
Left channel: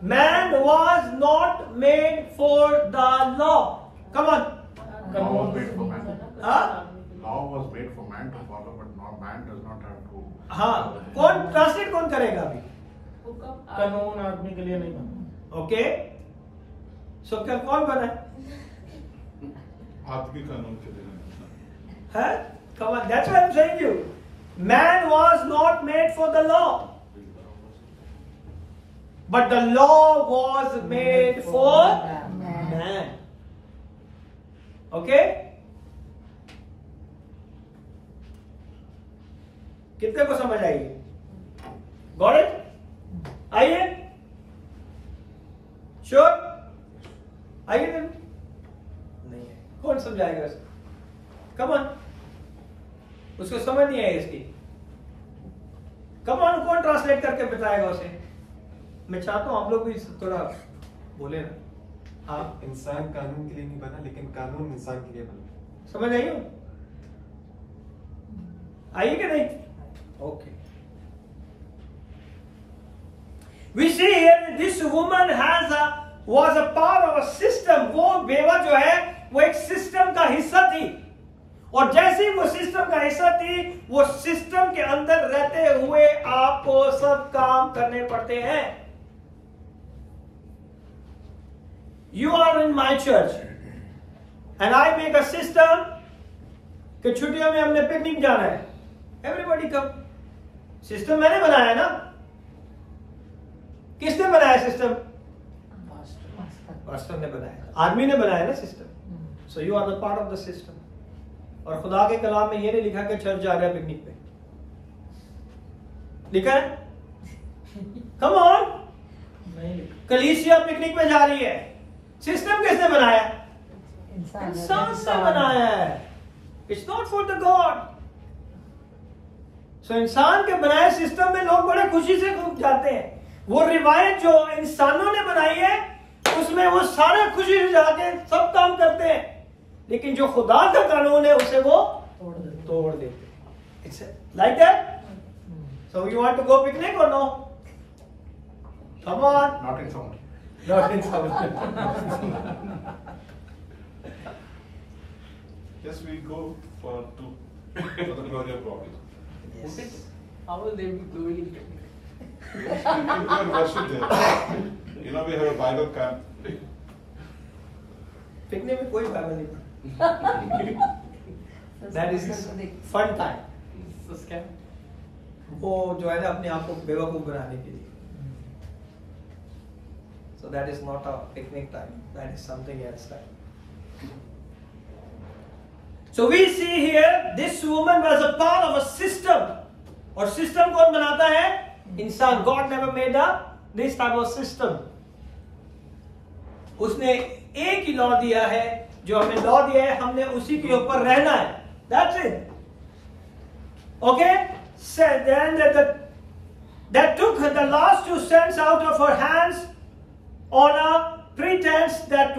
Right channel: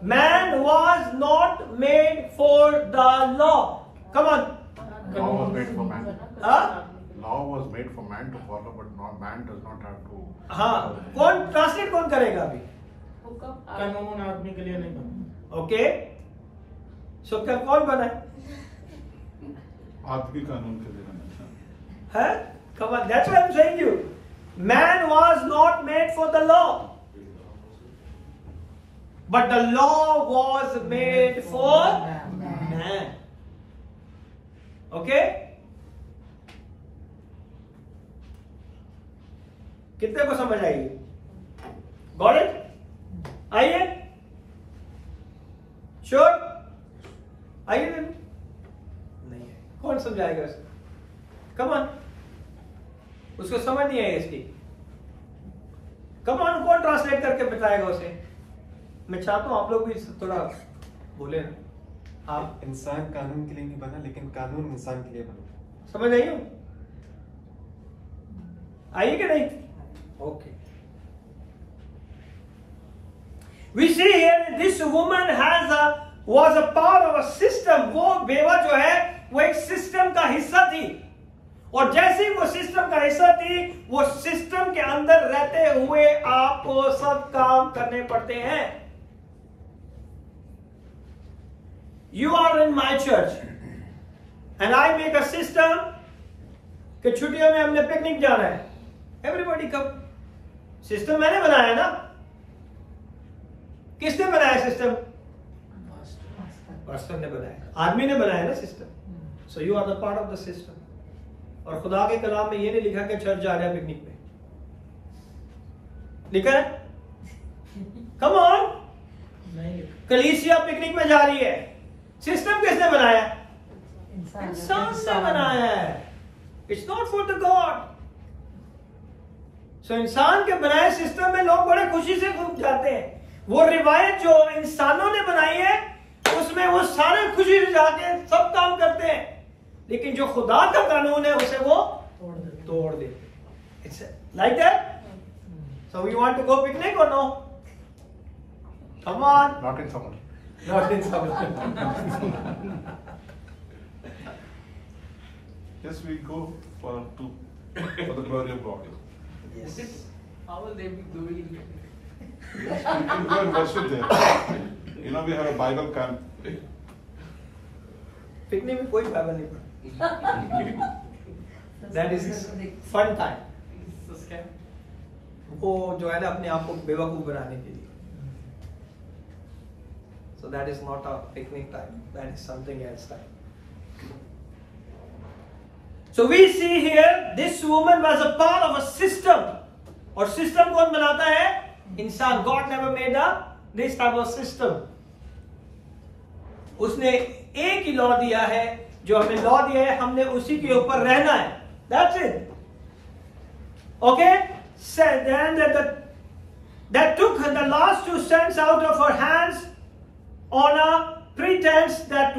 Man was not made for the law. Come on. Law was made for man. Huh? Law was made for man to follow, but not man does not have to. हाँ, कौन translate कौन करेगा अभी? कानून आदमी के लिए नहीं बना. ओके, सो क्या कौन बना है? आदमी कानून के लिए बना. Huh? Come on, that's what I'm saying to you. Man was not made for the law. But the law was made for man. Okay? कितने को समझ आएगी? Got it? आइए? Sure? आइए नहीं है. कौन समझाएगा इसको? Come on. उसको समझ नहीं आई इसकी. Come on, कौन ट्रांसलेट करके बताएगा उसे? मैं चाहता हूं आप लोग भी थोड़ा बोले ना. आप इंसान कानून के लिए नहीं बना, लेकिन कानून कानून इंसान के लिए बना। समझ आई हो? आइए कि नहीं? Okay. We see here this woman was a part of a system. वो बेवा जो है वो एक सिस्टम का हिस्सा थी, और जैसे ही वो सिस्टम का हिस्सा थी, वो सिस्टम के अंदर रहते हुए आपको सब काम करने पड़ते हैं। You are in my church and I make a system कि छुट्टियों में हमने पिकनिक जाना है। Everybody come। सिस्टम मैंने बनाया ना? किसने बनाया सिस्टम? पास्टर ने बनाया, आदमी ने बनाया ना system. So you are the part of the system. और खुदा के कलाम में ये नहीं लिखा कि चर्च जा रहा है पिकनिक पे, लिखा है? कम ऑन, कलीसिया पिकनिक पे जा रही है। सिस्टम किसने बनाया? इंसान ने बनाया है। It's not for the god. सो इंसान के बनाए सिस्टम में लोग बड़े खुशी से जाते हैं। वो रिवायत जो इंसानों ने बनाई है उसमें वो सारे खुशी से जाते हैं, सब काम करते हैं, लेकिन जो खुदा का कानून है उसे वो तोड़ देते हैं। It's like that. So you want to go picnic और no? Come on. Not in summer. Not in summer. Yes, we go for the glory of God. Yes. How will they be doing it? Yes, we go and worship there. You know, we have a Bible camp. Picnic में कोई Bible नहीं पढ़ता। That is fun time. It's a scam. वो जो है ना अपने आप को बेवकूफ बनाने के लिए। So that is not a picnic time. That is something else time. So we see here this woman was a part of a system. और सिस्टम कौन बनाता है? इंसान। God never made this type of system. उसने एक ही law दिया है, जो हमें लॉ दिया है हमने उसी के ऊपर रहना है। That's it. Okay? Said then that took the last 2 cents out of her hands on a pretense that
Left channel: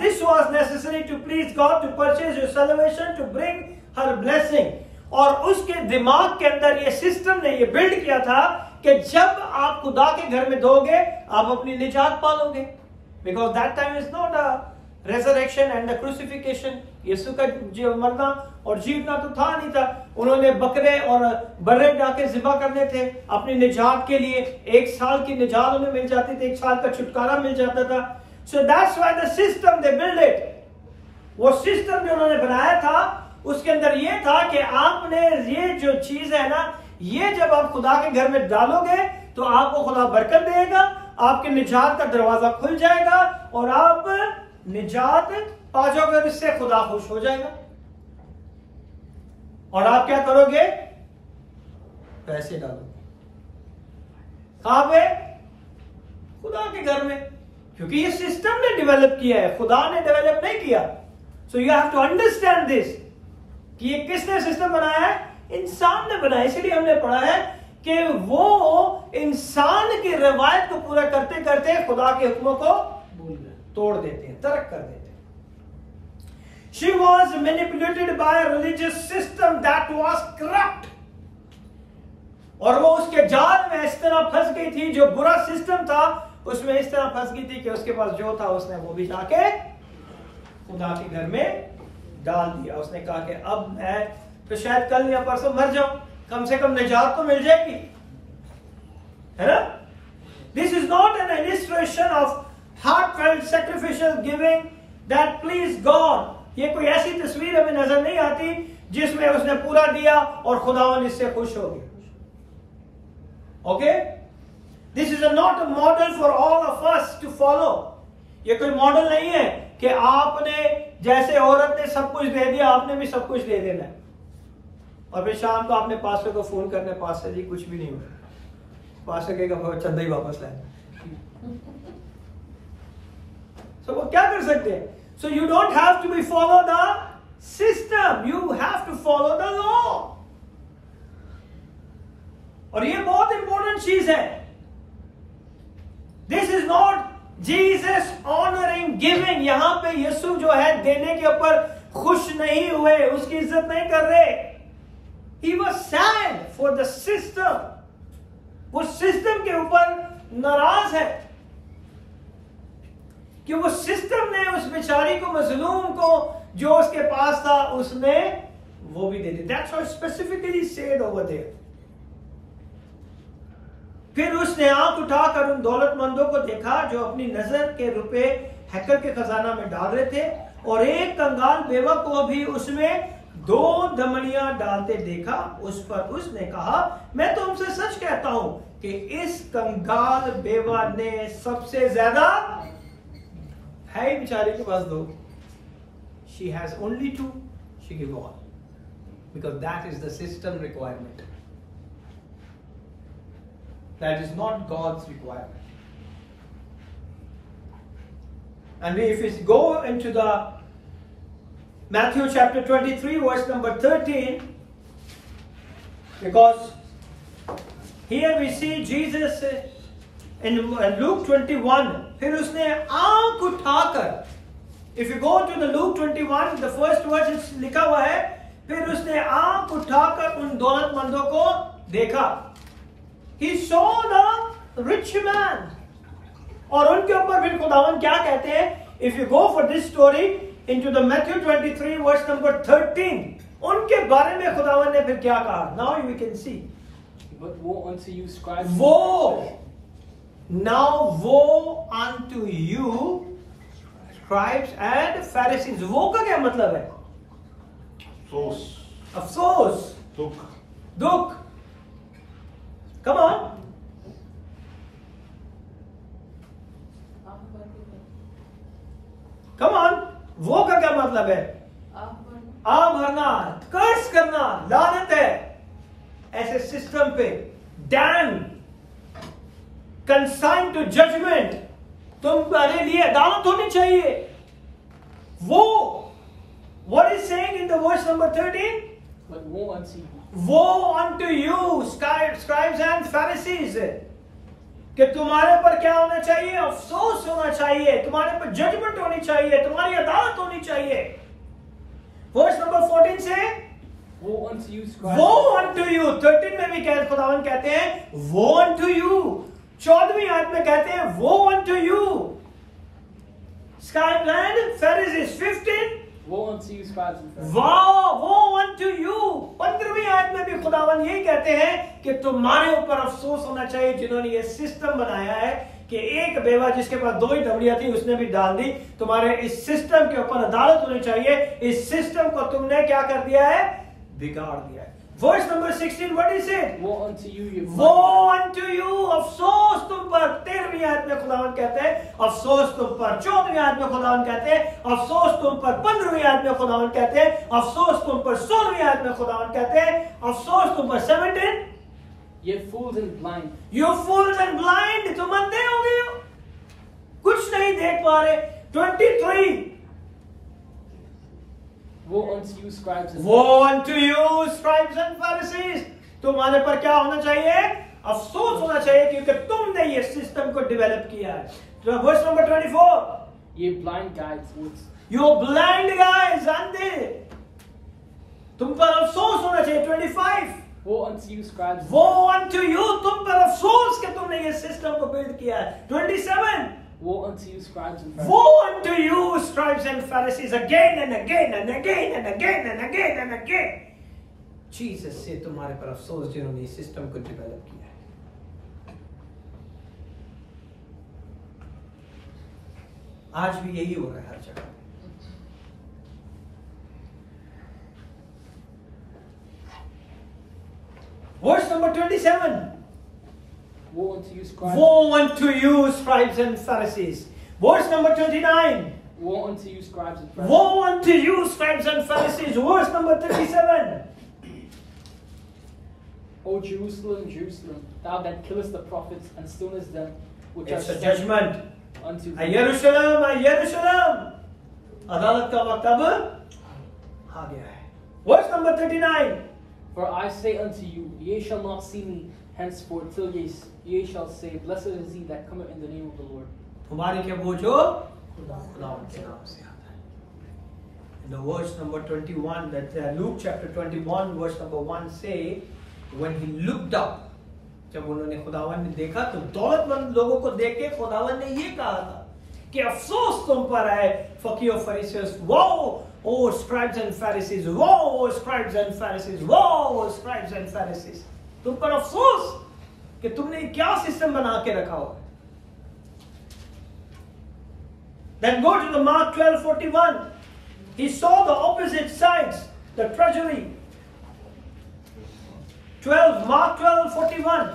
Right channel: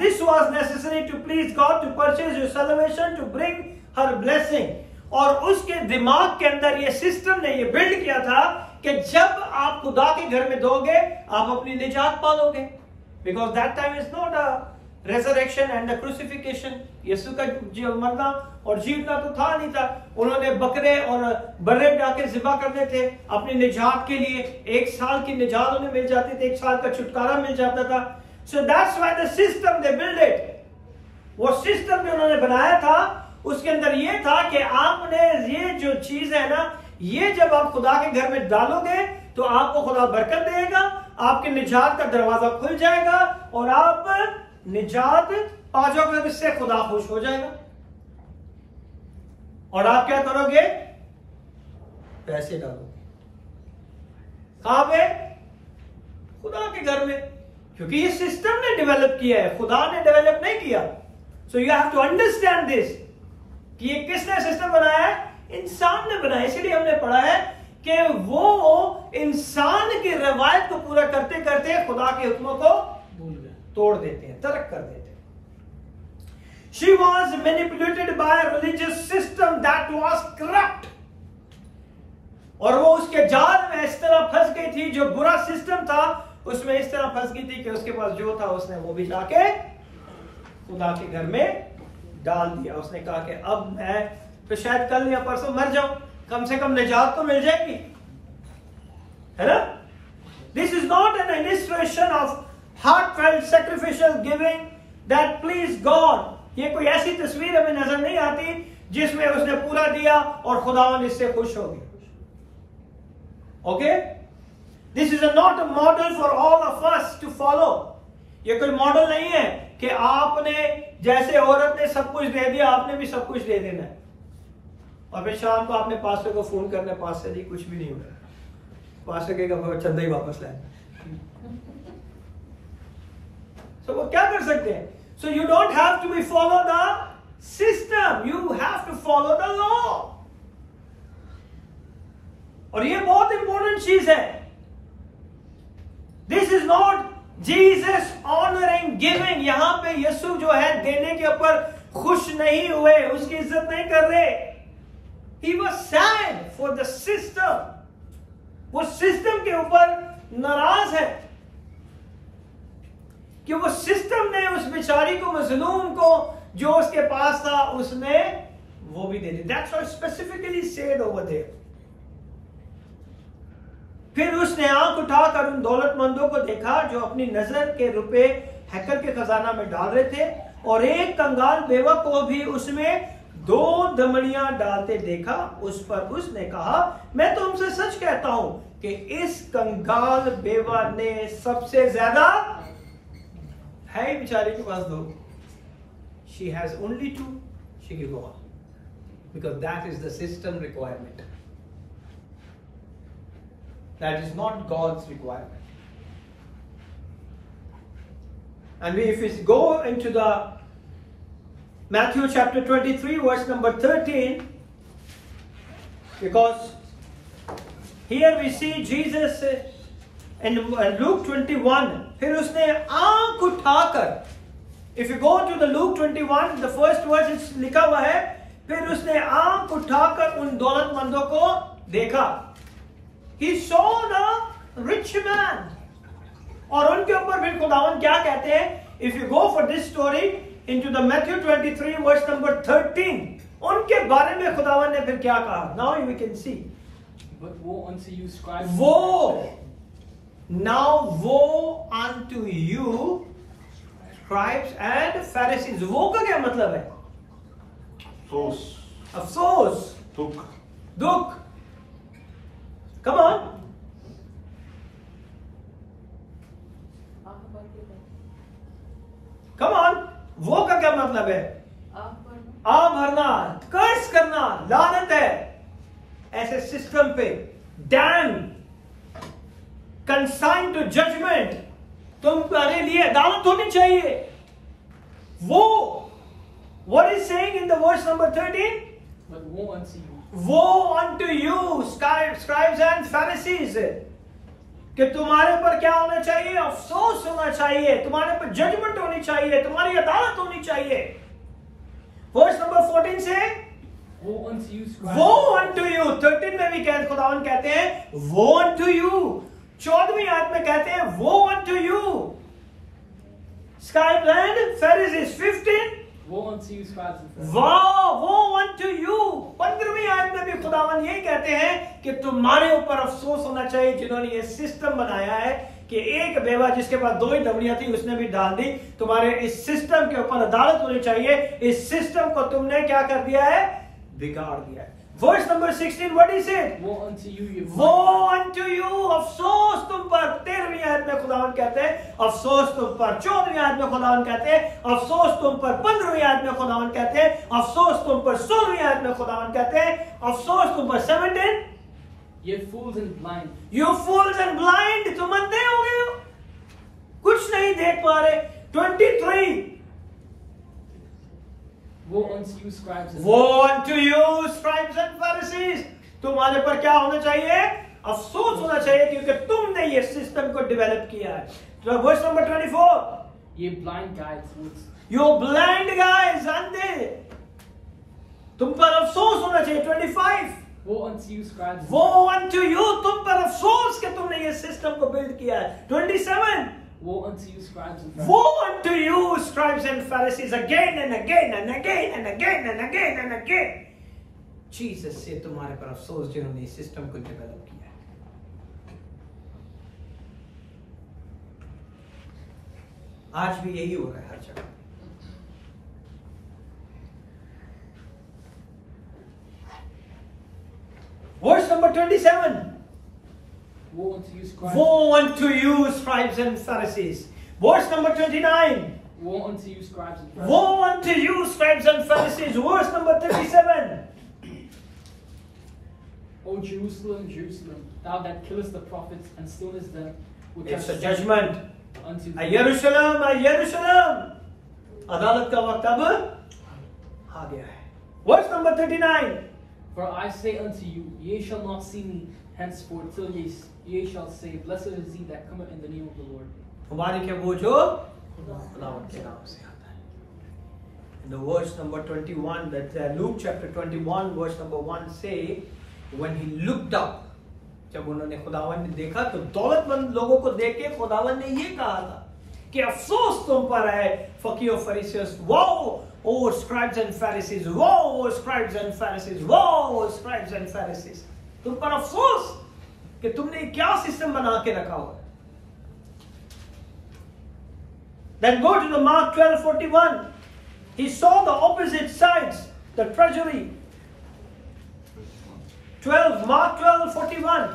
this was necessary to please God, to purchase your salvation, to bring her blessing. और उसके दिमाग के अंदर ये system ने ये build किया था कि जब आप खुदा के घर में दोगे आप अपनी निजात पालोगे। Because that time is not a resurrection and the crucifixion. यीशु का मरना और जीतना तो था नहीं था। उन्होंने बकरे और बर्रे डाके ज़िबा करने थे अपनी निजात के लिए। 1 साल की निजात उन्हें मिल जाती थी, 1 साल का छुटकारा मिल जाता था। So that's why the system they build it. वो सिस्टम जो उन्होंने बनाया था उसके अंदर ये था कि आपने ये जो चीज है ना, ये जब आप खुदा के घर में डालोगे तो आपको खुदा बरकत देगा, आपके निजात का दरवाजा खुल जाएगा और आप निजात पा जाओगे। इससे खुदा खुश हो जाएगा और आप क्या करोगे? पैसे डालोगे। कहां पे? खुदा के घर में, क्योंकि ये सिस्टम ने डेवलप किया है, खुदा ने डेवलप नहीं किया। So you have to understand this कि ये किसने सिस्टम बनाया है? इंसान ने बनाया। इसलिए हमने पढ़ा है कि वो इंसान की रवायत को पूरा करते करते खुदा के हुक्मों को भूल गए, तोड़ देते हैं, तर्क कर देते हैं। She was manipulated by a religious system that was corrupt. और वो उसके जाल में इस तरह फंस गई थी, जो बुरा सिस्टम था उसमें इस तरह फंस गई थी कि उसके पास जो था उसने वो भी जाके खुदा के घर में डाल दिया। उसने कहा कि अब मैं तो शायद कल या परसों मर जाऊं, कम से कम निजात तो मिल जाएगी, है ना? This is not an illustration of heartfelt sacrificial giving that please God. ये कोई ऐसी तस्वीर हमें नजर नहीं आती जिसमें उसने पूरा दिया और खुदावन इससे खुश हो गया। Okay, this is not a model for all of us to follow. ये कोई मॉडल नहीं है कि आपने जैसे औरत ने सब कुछ दे दिया आपने भी सब कुछ दे देना है और फिर शाम को आपने पास्टर को फोन करना, पास्टर जी कुछ भी नहीं हो रहा, पास्टर कहेगा चंदा ही वापस लाए। तो वो क्या कर सकते हैं? So you don't have to be follow the system, you have to follow the law. और ये बहुत इंपॉर्टेंट चीज है। This is not Jesus honouring giving, यहां पे यीशु जो है देने के ऊपर खुश नहीं हुए, उसकी इज्जत नहीं कर रहे. He was sad for the system. वो सिस्टम के ऊपर नाराज है कि वो सिस्टम ने उस बेचारी को, मजलूम को, जो उसके पास था, उसने वो भी दे दी. That's how specifically said over there. फिर उसने आंख उठाकर उन दौलतमंदों को देखा जो अपनी नजर के रुपए हैकल के खजाना में डाल रहे थे, और एक कंगाल बेवा को भी उसमें 2 दमड़ियां डालते देखा. उस पर उसने कहा, मैं तुमसे सच कहता हूं कि इस कंगाल बेवा ने सबसे ज्यादा, है ही बेचारी के पास 2, she has only 2, she give all, because that is the system requirement. That is not God's requirement. And if we go into the Matthew chapter 23 verse number 13, because here we see Jesus in Luke 21, फिर उसने आंख उठाकर, if you go to the Luke 21, the first verse is लिखा हुआ है, फिर उसने आंख उठाकर उन दौलतमंदों को देखा. He saw the rich man. और उनके ऊपर फिर खुदावन क्या कहते हैं? If you go for this story into the Matthew 23 verse number 13, उनके बारे में खुदावन ने फिर क्या कहा? Now we can see. But woe unto you, scribes. Woe. Now woe unto you, scribes and Pharisees. वो का क्या मतलब है? अफसोस, अफसोस, दुख. Come on. Come on. वो का क्या मतलब है? आ भरना, कर्स करना, लानत है ऐसे सिस्टम पे. डैम, कंसाइन टू जजमेंट, तुम्हारे लिए अदालत होनी चाहिए. वो, what is saying in the verse number 13? But woe unto you. Woe unto you, scribes and Pharisees, कि तुम्हारे ऊपर क्या होना चाहिए? अफसोस होना चाहिए, तुम्हारे ऊपर जजमेंट होनी चाहिए, तुम्हारी अदालत होनी चाहिए. वर्स नंबर 14 से Woe unto you, scribes. Woe unto you. 13 में भी खुदावन कहते हैं woe unto you. 14वीं आयत में कहते हैं woe unto you, scribes and Pharisees. 15 Woe unto you, scribes and Pharisees. woe unto you. 15वीं आयत में भी खुदावन यही कहते हैं कि तुम्हारे ऊपर अफसोस होना चाहिए जिन्होंने ये सिस्टम बनाया है कि एक बेवा जिसके पास 2 ही दमड़ियां थी उसने भी डाल दी. तुम्हारे इस सिस्टम के ऊपर अदालत होनी चाहिए. इस सिस्टम को तुमने क्या कर दिया है? बिगाड़ दिया है. Verse number 16, what is it? Woe unto you, you Woe unto you. अफसोस तुम पर. 13वीं आयत में खुदावन कहते हैं अफसोस तुम पर. 14वीं आयत में खुदावन कहते हैं अफसोस तुम पर. 15वीं आयत में खुदावन कहते हैं अफसोस तुम पर. 16वीं आयत में खुदावन कहते हैं अफसोस तुम पर. 17, Ye fools and blind. You fools and blind. तुम अंधे हो गए हो, कुछ नहीं देख पा रहे. 23, Woe unto you, scribes and Woe unto you, scribes and Pharisees. तुम्हारे पर क्या होना चाहिए? अफसोस होना चाहिए क्योंकि तुमने ये सिस्टम को डेवलप किया है. तो verse number 24, Ye blind guides, fools. You blind guys, अंधे, तुम पर अफसोस होना चाहिए. 25, Woe unto you, scribes. Woe unto you, तुम पर अफसोस कि तुमने ये सिस्टम को बिल्ड किया है. 27, Woe unto you, scribes and Pharisees. Woe unto you, scribes and Pharisees, again and again and again and again and again and again. Jesus से तुम्हारे पर अफसोस जिन्होंने इस सिस्टम को डेवलप किया है. आज भी यही हो रहा है हर जगह. Verse number 27. Woe unto you, scribes. Woe unto you, scribes and Pharisees. Verse number 29. Woe unto you, scribes and Pharisees. Woe unto you, scribes and Pharisees. Verse number 37. O Jerusalem, Jerusalem, thou that killest the prophets and stonest them which It's are a sent judgment. unto A thee. Jerusalem, a Jerusalem. अदालत का वक्त अब आ गया है. Verse number 39. For I say unto you, ye shall not see me henceforth till ye shall say, Blessed is he that cometh in the name of the Lord. मुबारक है वो जो खुदावंद के नाम से आता है. In the verse number 21, that Luke chapter 21 verse number 1 say, when he looked up, जब उन्होंने खुदावंद ने देखा तो दौलतमंद लोगों को देख के खुदावंद ने ये कहा था कि अफसोस तुम पर है फकीर और फरीसियस, वो ओ स्क्राइब्स एंड फरीसीज, वो स्क्राइब्स एंड फरीसीज, वो स्क्राइब्स एंड फरीसीज, तुम पर अफसोस कि तुमने क्या सिस्टम बना के रखा हुआ है. Then go to the Mark 12:41. He saw the opposite sides, the treasury. 12, Mark 12:41.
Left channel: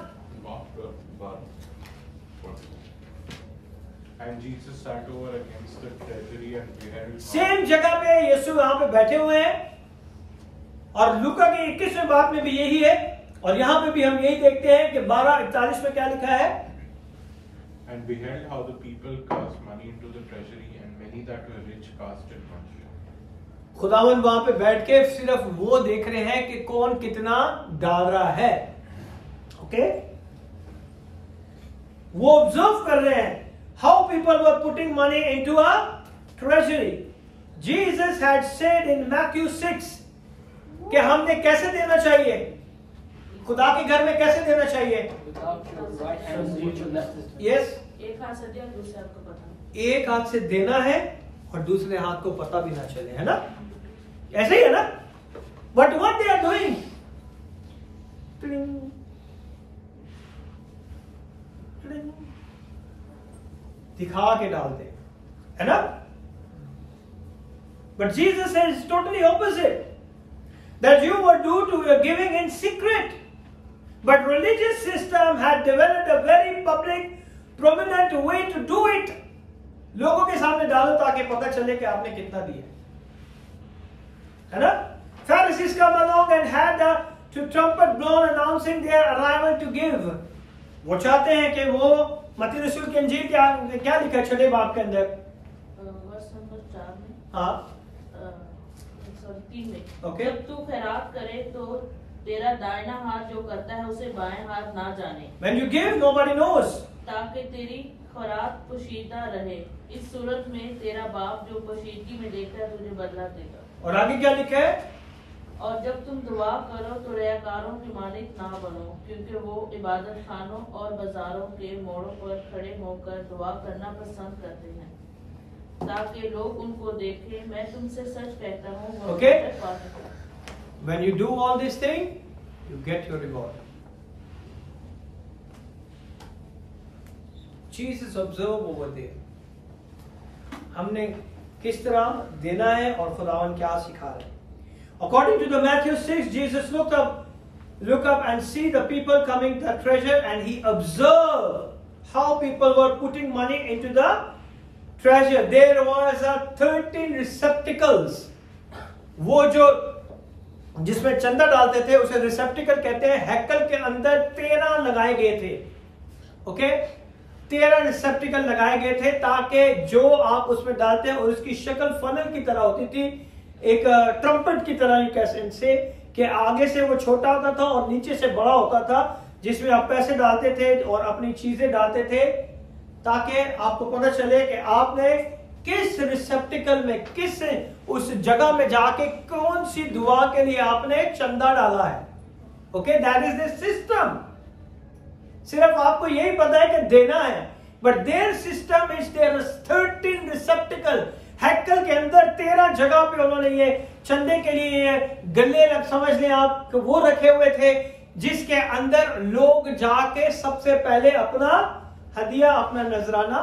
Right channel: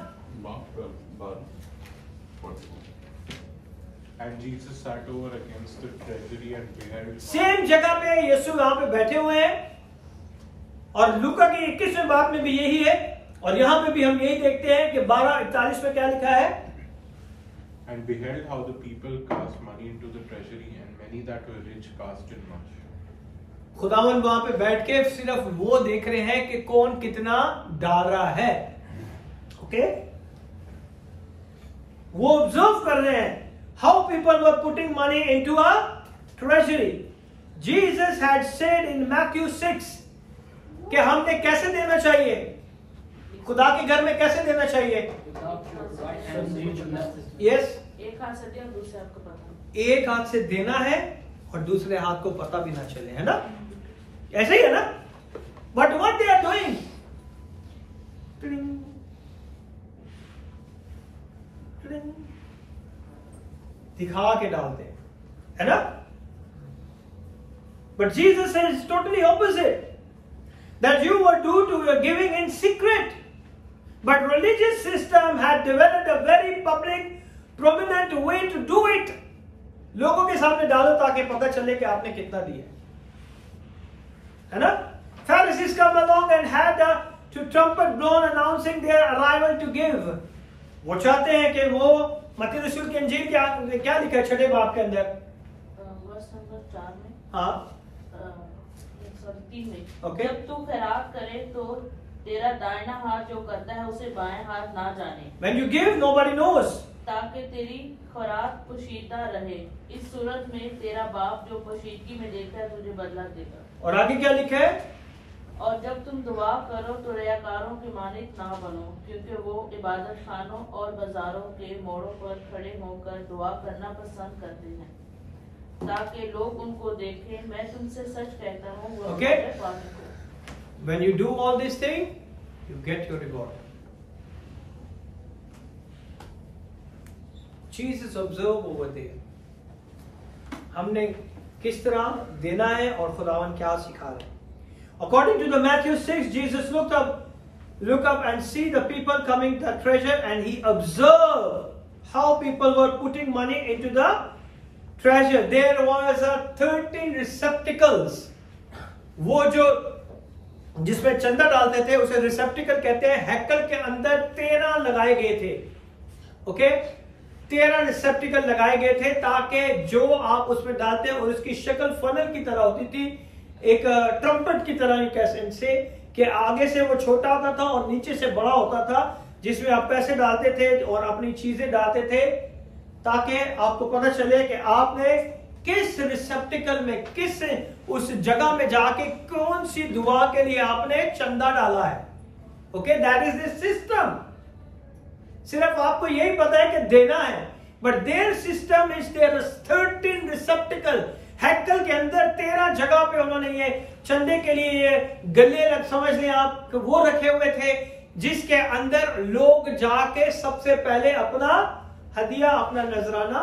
And Jesus sat over against the treasury and beheld. Same जगह पे यीशु यहाँ पे बैठे हुए हैं और लूका के 21वें बाब में भी यही है और यहाँ पे भी हम यही देखते हैं कि 12:41 में क्या लिखा है. And beheld how the people cast money into the treasury, and many that were rich cast in much. खुदावन वहां पे बैठ के सिर्फ वो देख रहे हैं कि कौन कितना डाल रहा है. ओके, वो ऑब्जर्व कर रहे हैं how people were putting money into a treasury. Jesus had said in Matthew 6 कि हमने कैसे देना चाहिए, खुदा के घर में कैसे देना चाहिए. यस, एक हाथ से दे और दूसरे हाथ को पकड़ो. एक हाथ से देना है और दूसरे हाथ को पता भी ना चले, है ना. ऐसे ही है ना. But what they are doing, दिखा के डालते हैं, है ना. But Jesus is totally opposite, that you were due to your giving in secret, but religious system had developed a very public prominent way to do it. लोगों के सामने डालो ताकि पता चले कि आपने कितना दिया, है ना. Pharisees come along and had to trumpet blown announcing their arrival to give. वो चाहते हैं कि वो मत्ती रसूल के इंजील क्या लिखा है 6 बाब के अंदर, वर्स नंबर 4 में, हाँ सॉरी 3 में. Okay. जब तू खैरात करे तो तेरा दाहिना हाथ जो करता है उसे बाएं हाथ ना जाने, when you give nobody knows. ताकि तेरी खैरात पोशीदा रहे. इस सूरत में तेरा बाप जो पोशीदगी में देता है तुझे बदला देगा. और आगे क्या लिखा है, और जब तुम दुआ करो तो रियाकारों के मानिक ना बनो, क्योंकि वो इबादत खानों और बाजारों के मोड़ों पर खड़े होकर दुआ करना पसंद करते हैं ताकि लोग उनको देखें. मैं तुमसे सच कहता हूँ वो Okay. मेरे पास है. when you do all these things you get your reward. Jesus observe over there. हमने किस तरह देना है और खुदावन क्या सिखा रहे हैं. According to the Matthew 6, Jesus look up and see the people coming to the treasure, and he observed how people were putting money into the treasure. There was 13 receptacles. वो जो जिसमें चंदा डालते थे उसे रिसेप्टिकल कहते हैं. हैकल के अंदर 13 लगाए गए थे. ओके, 13 रिसेप्टिकल लगाए गए थे ताकि जो आप उसमें डालते हैं, और उसकी शक्ल फनल की तरह होती थी, एक ट्रम्पेट की तरह कैसे से कि आगे से वो छोटा होता था और नीचे से बड़ा होता था, जिसमें आप पैसे डालते थे और अपनी चीजें डालते थे ताकि आपको पता चले कि आपने किस रिसेप्टिकल में, किस उस जगह में जाके कौन सी दुआ के लिए आपने चंदा डाला है. Okay, that is the system. सिर्फ आपको यही पता है कि देना है, but their system is there 13 receptacle. हैकल के अंदर 13 जगह पे उन्होंने ये चंदे के लिए ये गले समझ लें आप कि वो रखे हुए थे, जिसके अंदर लोग जाके सबसे पहले अपना हदिया, अपना नजराना,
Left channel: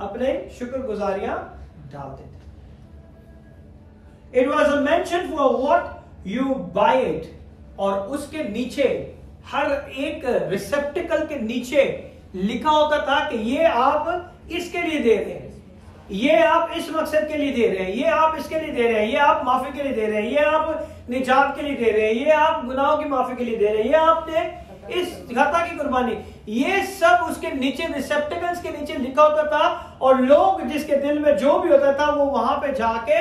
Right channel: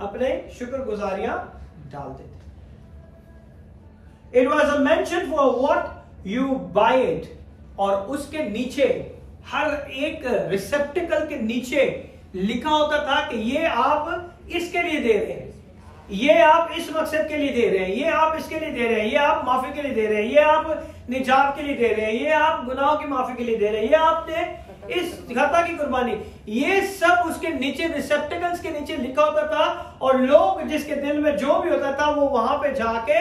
अपने शुक्रगुजारियां डालते थे. It was a mention for what you buy it. और उसके नीचे हर एक रिसेप्टिकल के नीचे लिखा होता था कि ये आप इसके लिए दे रहे हैं, ये आप इस मकसद के लिए दे रहे हैं, ये आप इसके लिए दे रहे हैं, ये आप माफी के लिए दे रहे हैं, ये आप निजात के लिए दे रहे हैं, ये आप गुनाहों की माफी के लिए दे रहे हैं, ये आपने इस खता की कुर्बानी. ये सब उसके नीचे रिसेप्टिकल्स के नीचे लिखा होता था, और लोग जिसके दिल में जो भी होता था वो वहां पे जाके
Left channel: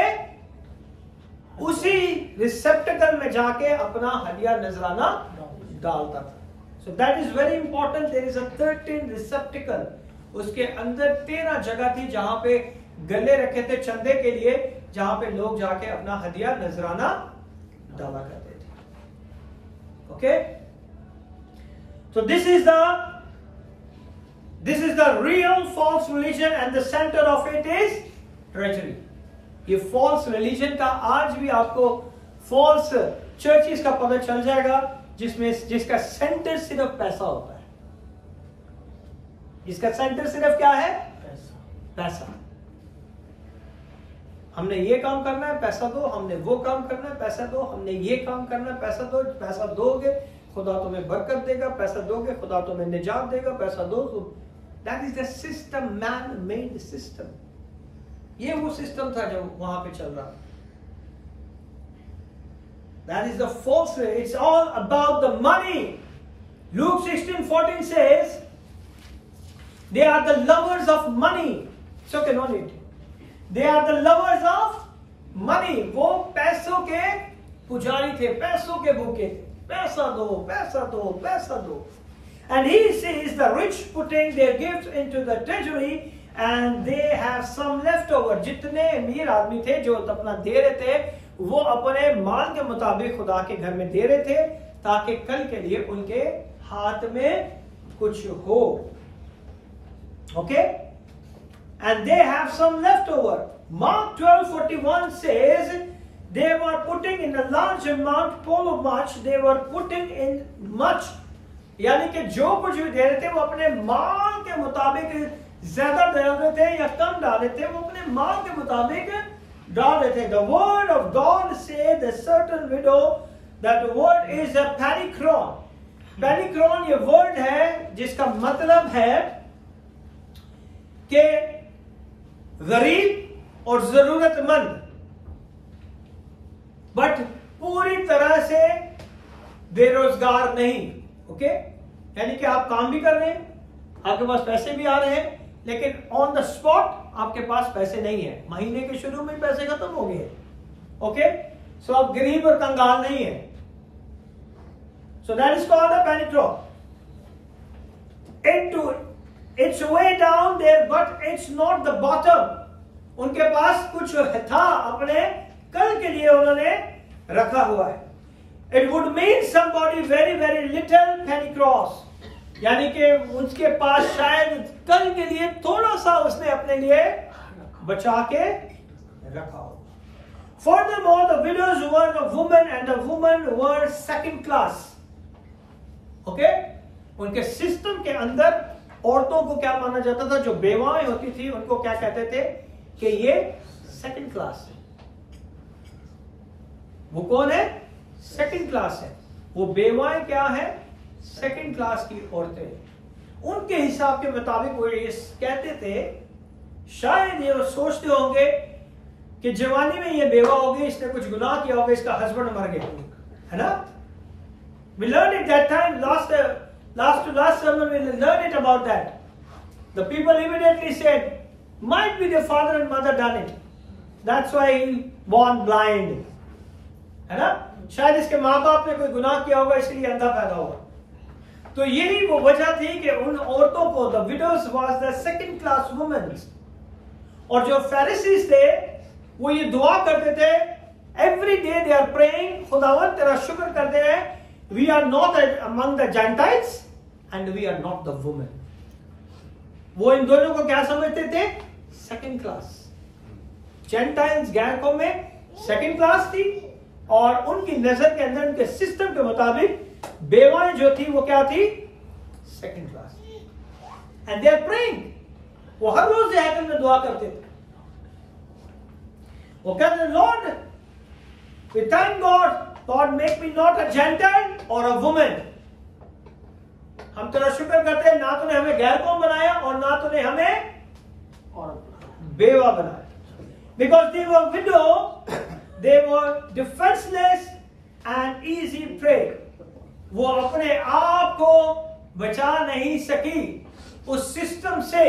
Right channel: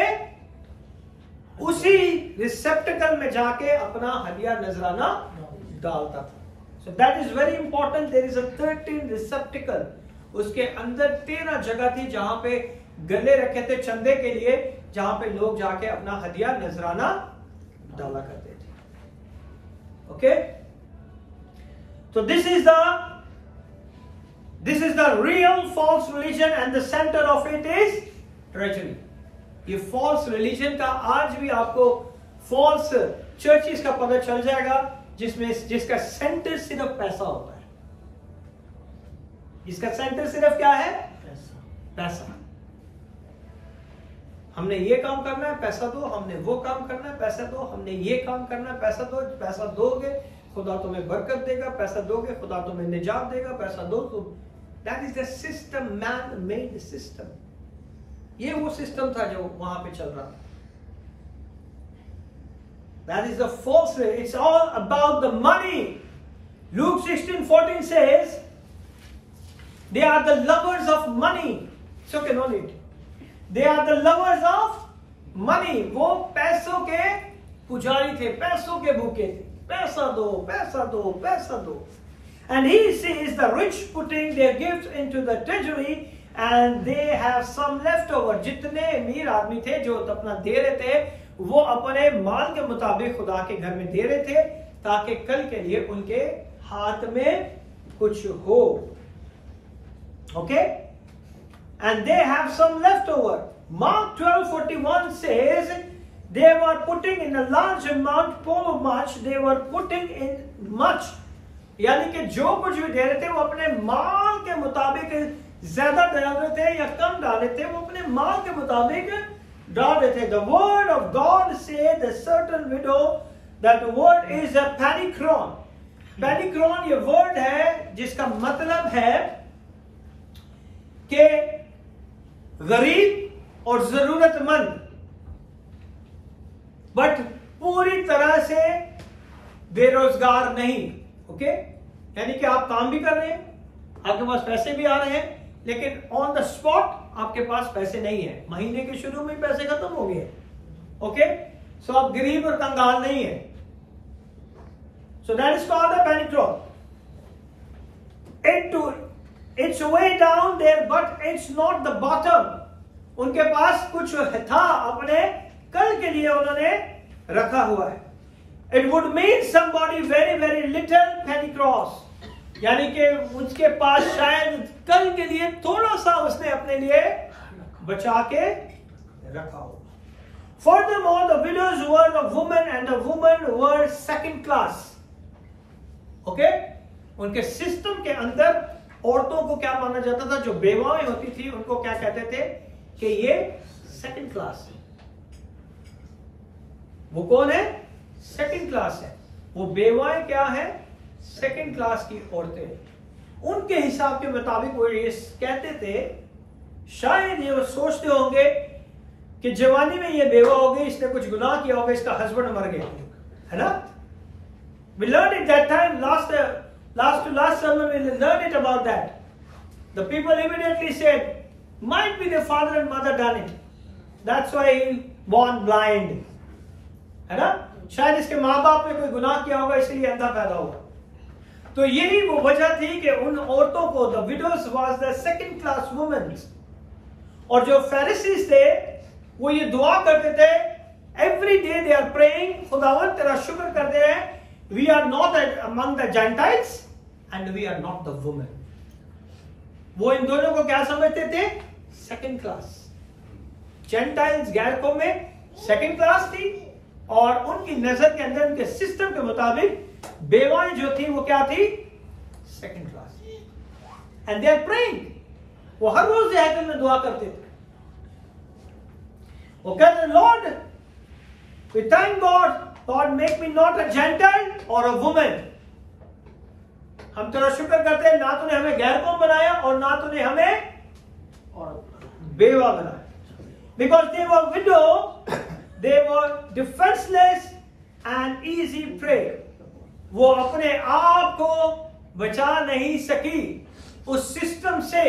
उसी रिसेप्टिकल में जाके अपना हदिया नजराना डालता था. So that is very important. There is a 13 receptacle. उसके अंदर 13 जगह थी जहां पे गले रखे थे चंदे के लिए, जहां पे लोग जाके अपना हदिया नजराना डाला करते थे। ओके, तो this is the real false religion and the centre of it is treasury. ये फॉल्स रिलीजन का आज भी आपको फॉल्स चर्चिस का पता चल जाएगा, जिसका सेंटर सिर्फ पैसा होता है। इसका सेंटर सिर्फ क्या है? पैसा। हमने ये काम करना है, पैसा दो, हमने वो काम करना है, पैसा दो, हमने ये काम करना है, पैसा दो, पैसा दोगे खुदा तुम्हें बरकत देगा, पैसा दोगे खुदा तुम्हें निजात देगा, पैसा दो तो that is the system, man made system. ये वो सिस्टम था जो वहां पे चल रहा था। That is the false way. It's all about the money. Luke 16:14 says, they are the lovers of money. It's okay, no need. They are the lovers of money. वो पैसों के पुजारी थे, पैसों के भूखे थे। पैसा दो, पैसा दो, पैसा दो। And he sees the rich putting their gifts into the treasury and they have some left over. जितने अमीर आदमी थे जो अपना दे रहे थे, वो अपने माल के मुताबिक खुदा के घर में दे रहे थे, ताकि कल के लिए उनके हाथ में कुछ हो। Okay, and they have some left over. Mark 12:41 says they were putting in a large amount, full of much, they were putting in much. यानी कि जो कुछ भी दे रहे थे वो अपने माल के मुताबिक ज्यादा डाल रहे थे या कम डाल रहे थे, वो अपने माल के मुताबिक डाल रहे थे। The word of God said a certain widow, that word is a panikron. Panikron ये वर्ड है जिसका मतलब है कि गरीब और जरूरतमंद, बट पूरी तरह से बेरोजगार नहीं। ओके, यानी कि आप काम भी कर रहे हैं, आपके पास पैसे भी आ रहे हैं, लेकिन ऑन द स्पॉट आपके पास पैसे नहीं है, महीने के शुरू में पैसे खत्म हो गए। ओके, सो आप गरीब और कंगाल नहीं है। So that is called the panic it's way down there but it's not the bottom. उनके पास कुछ था अपने कल के लिए उन्होंने रखा हुआ है। It would mean somebody very very little Penney cross, यानी कि उसके पास शायद कल के लिए थोड़ा सा उसने अपने लिए बचा के रखा हो। Furthermore, the widows were a woman and the women were second class. Okay? उनके सिस्टम के अंदर औरतों को क्या माना जाता था? जो बेवाएं होती थी उनको क्या कहते थे कि ये सेकंड क्लास है। वो कौन है? सेकंड क्लास है। वो बेवाएं क्या है? सेकंड क्लास की औरतें। उनके हिसाब के मुताबिक वो ये कहते थे, शायद ये वो सोचते होंगे कि जवानी में ये बेवा हो गई, इसने कुछ गुनाह किया होगा, इसका हस्बैंड मर गया, है ना? We learned it that time, last sermon we learned it about that. The people immediately said, might be the father and mother done it. That's why he born blind. है ना? शायद इसके माँ बाप ने कोई गुनाह किया होगा इसलिए अंधा पैदा हुआ। तो यही वो वजह थी कि उन औरतों को the widows was the second class womens. और जो फैरिसीज थे वो ये दुआ करते थे, every day they are praying, खुदावंद तेरा शुक्र करते हैं, we are not among the Gentiles and we are not the women. वो इन दोनों को क्या समझते थे? Second class. जेंटाइल्स गैर कौम में सेकंड क्लास थी, और उनकी नजर के अंदर उनके सिस्टम के मुताबिक बेवाएं जो थी वो क्या थी? Second class. And they are praying, वो हर रोज हैकल में दुआ करते थे। वो कहते, Lord we thank God, God make me not a Gentile और अ वुमेन। हम तेरा शुक्र करते हैं, ना तूने हमें गैर कौम बनाया और ना तूने हमें बेवा बनाया। Because they were window, they were defenseless and easy prey. वो अपने आप को बचा नहीं सकी उस सिस्टम से।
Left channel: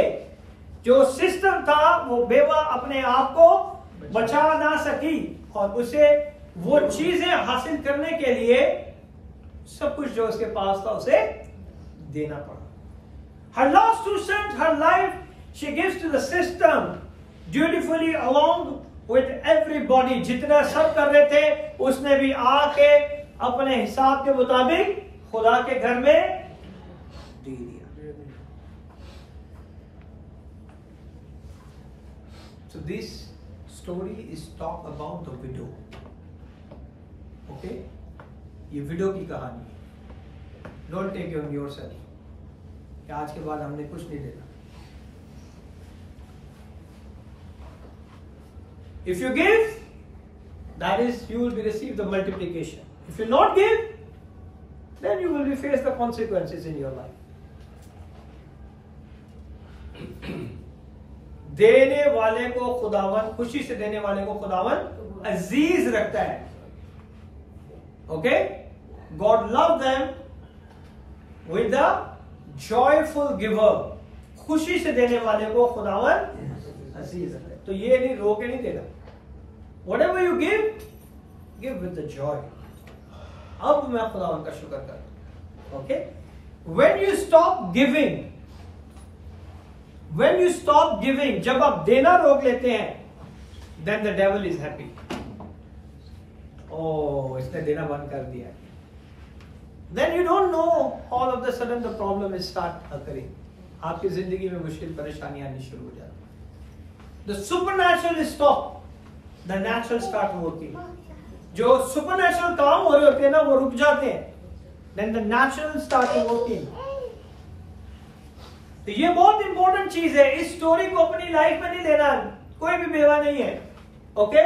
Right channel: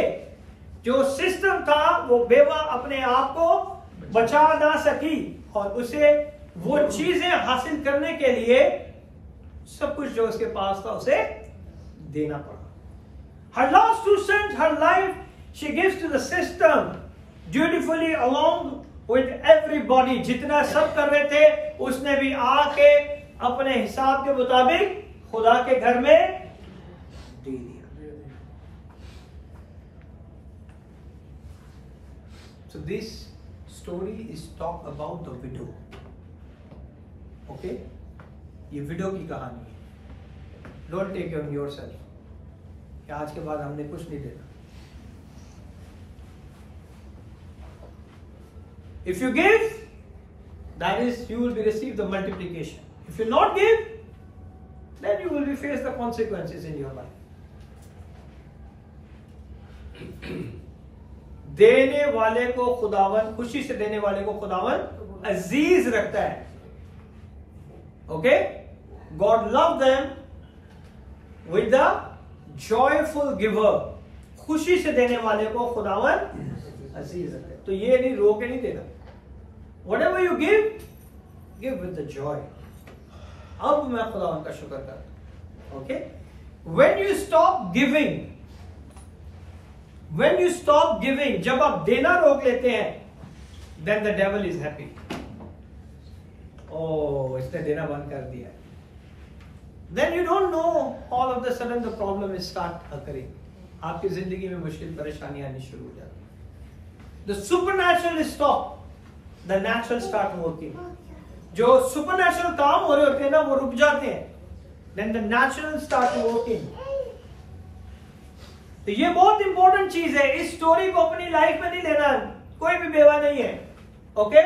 जो सिस्टम था वो बेवा अपने आप को बचा ना सकी, और उसे वो चीजें हासिल करने के लिए सब कुछ जो उसके पास था उसे देना पड़ा। Her last 2 cents, her life, she gives to the system dutifully along with everybody. जितना सब कर रहे थे, उसने भी आके अपने हिसाब के मुताबिक खुदा के घर में दे दिया. So this story is talk about the widow. Okay? ये विडो की कहानी है. Don't take it on yourself. कि आज के बाद हमने कुछ नहीं देना. If you give, that is, you will be receive the multiplication. If you not give, then you will be face the consequences in your life. देने वाले को खुदावन, खुशी से देने वाले को खुदावन अजीज रखता है. Okay? God loved them with the joyful giver. खुशी से देने वाले को खुदावन अजीज रखता है. तो ये नहीं रो के नहीं देना. Whatever you give with the joy. अब मैं खुदावन का शुक्र करता हूं. Okay? When you stop giving, जब आप देना रोक लेते हैं, then the devil is happy. Oh, इसने देना बंद कर दिया. Then you don't know, all of a sudden the problem will start occurring. आपकी जिंदगी में मुश्किल परेशानी आनी शुरू हो जाती. The supernatural is stopped. The natural start working. जो supernatural काम हो रहे होते हैं ना, वो रुक जाते हैं. Then the natural start working. तो ये बहुत इंपॉर्टेंट चीज है. इस स्टोरी को अपनी लाइफ में नहीं लेना. कोई भी बेवा नहीं है. Okay?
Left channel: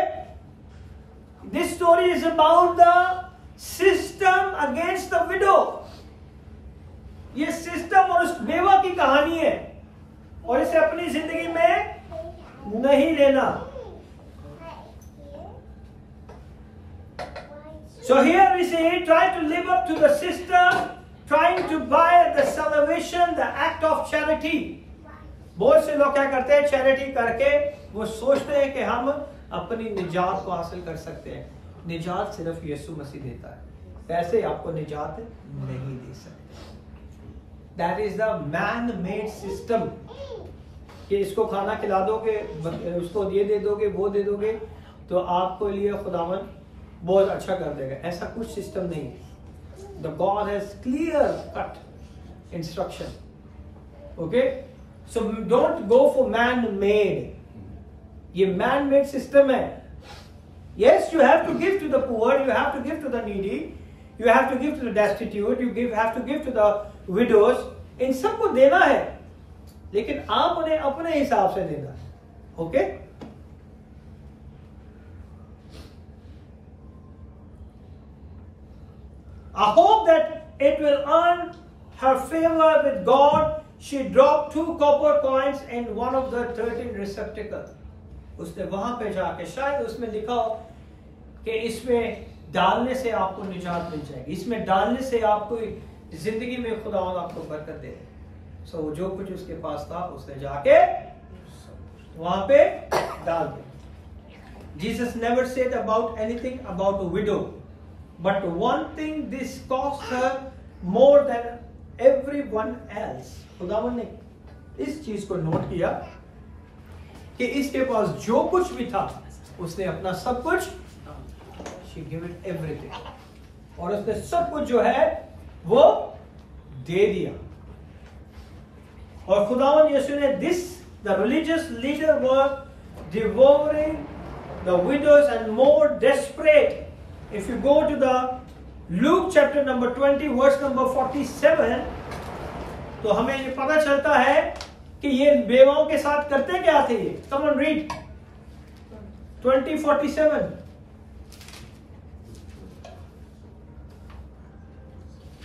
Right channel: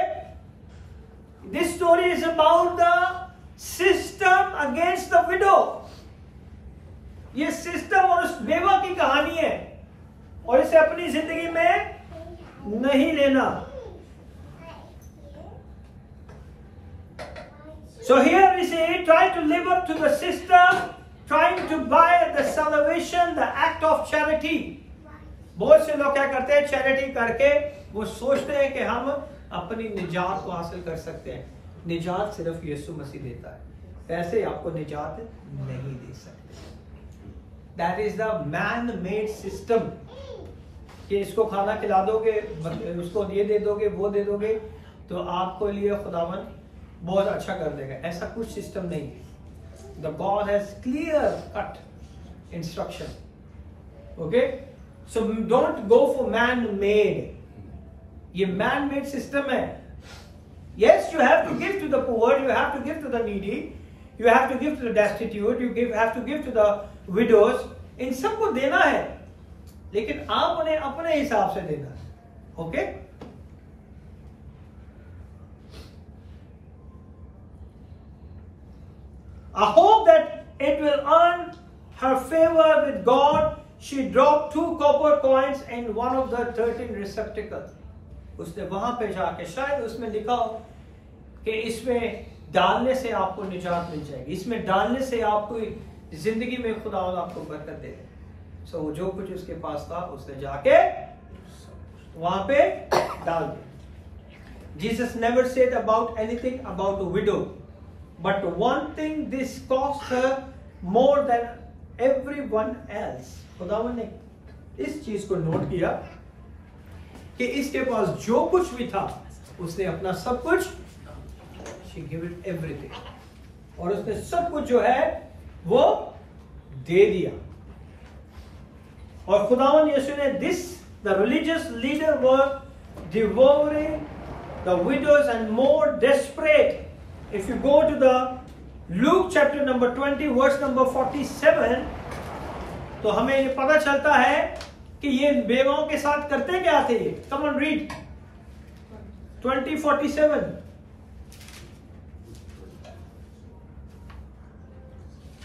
This story is about the system against the widow. ये सिस्टम और उस बेवा की कहानी है, और इसे अपनी जिंदगी में नहीं लेना. So here we say, try to live up to the system, trying to buy the salvation, the act of charity. बहुत से लोग क्या करते हैं, चैरिटी करके वो सोचते हैं कि हम अपनी निजात को हासिल कर सकते हैं. निजात सिर्फ यीशु मसीह देता है. पैसे आपको निजात नहीं दे सकते. That is the man-made system. कि इसको खाना खिला दोगे, उसको ये दे दोगे, वो दे दोगे, तो आपको लिए खुदावन बहुत अच्छा कर देगा. ऐसा कुछ सिस्टम नहीं है. The God has clear cut instruction. Okay? So don't go for man-made. ये man-made system है. Yes, you have to give to the poor, you have to give to the needy, you have to give to the destitute, you have to give to the widows. इन सबको देना है, लेकिन आप उन्हें अपने हिसाब से देना. Okay? I hope that it will earn her favor with God. She dropped 2 copper coins in one of the 13 receptacles. उसने वहां पे जाके शायद उसमें लिखा हो कि इसमें डालने से आपको निजात मिल जाएगी, इसमें डालने से आपको जिंदगी में खुदावंद आपको बरकत दे. सो जो कुछ उसके पास था उसने जाके वहां पे डाल दिया. Jesus never said about anything about a widow, but one thing this cost her more than everyone else. खुदावंद ने इस चीज को नोट किया कि इसके पास जो कुछ भी था उसने अपना सब कुछ, she gave it everything, और उसने सब कुछ जो है वो दे दिया. और खुदावंद यीशु ने the religious leader were devouring the widows and more desperate. If you go to the Luke chapter number 20 verse number 47, तो हमें ये पता चलता है कि ये बेवाओं के साथ करते क्या थे. Come on, read 20:47.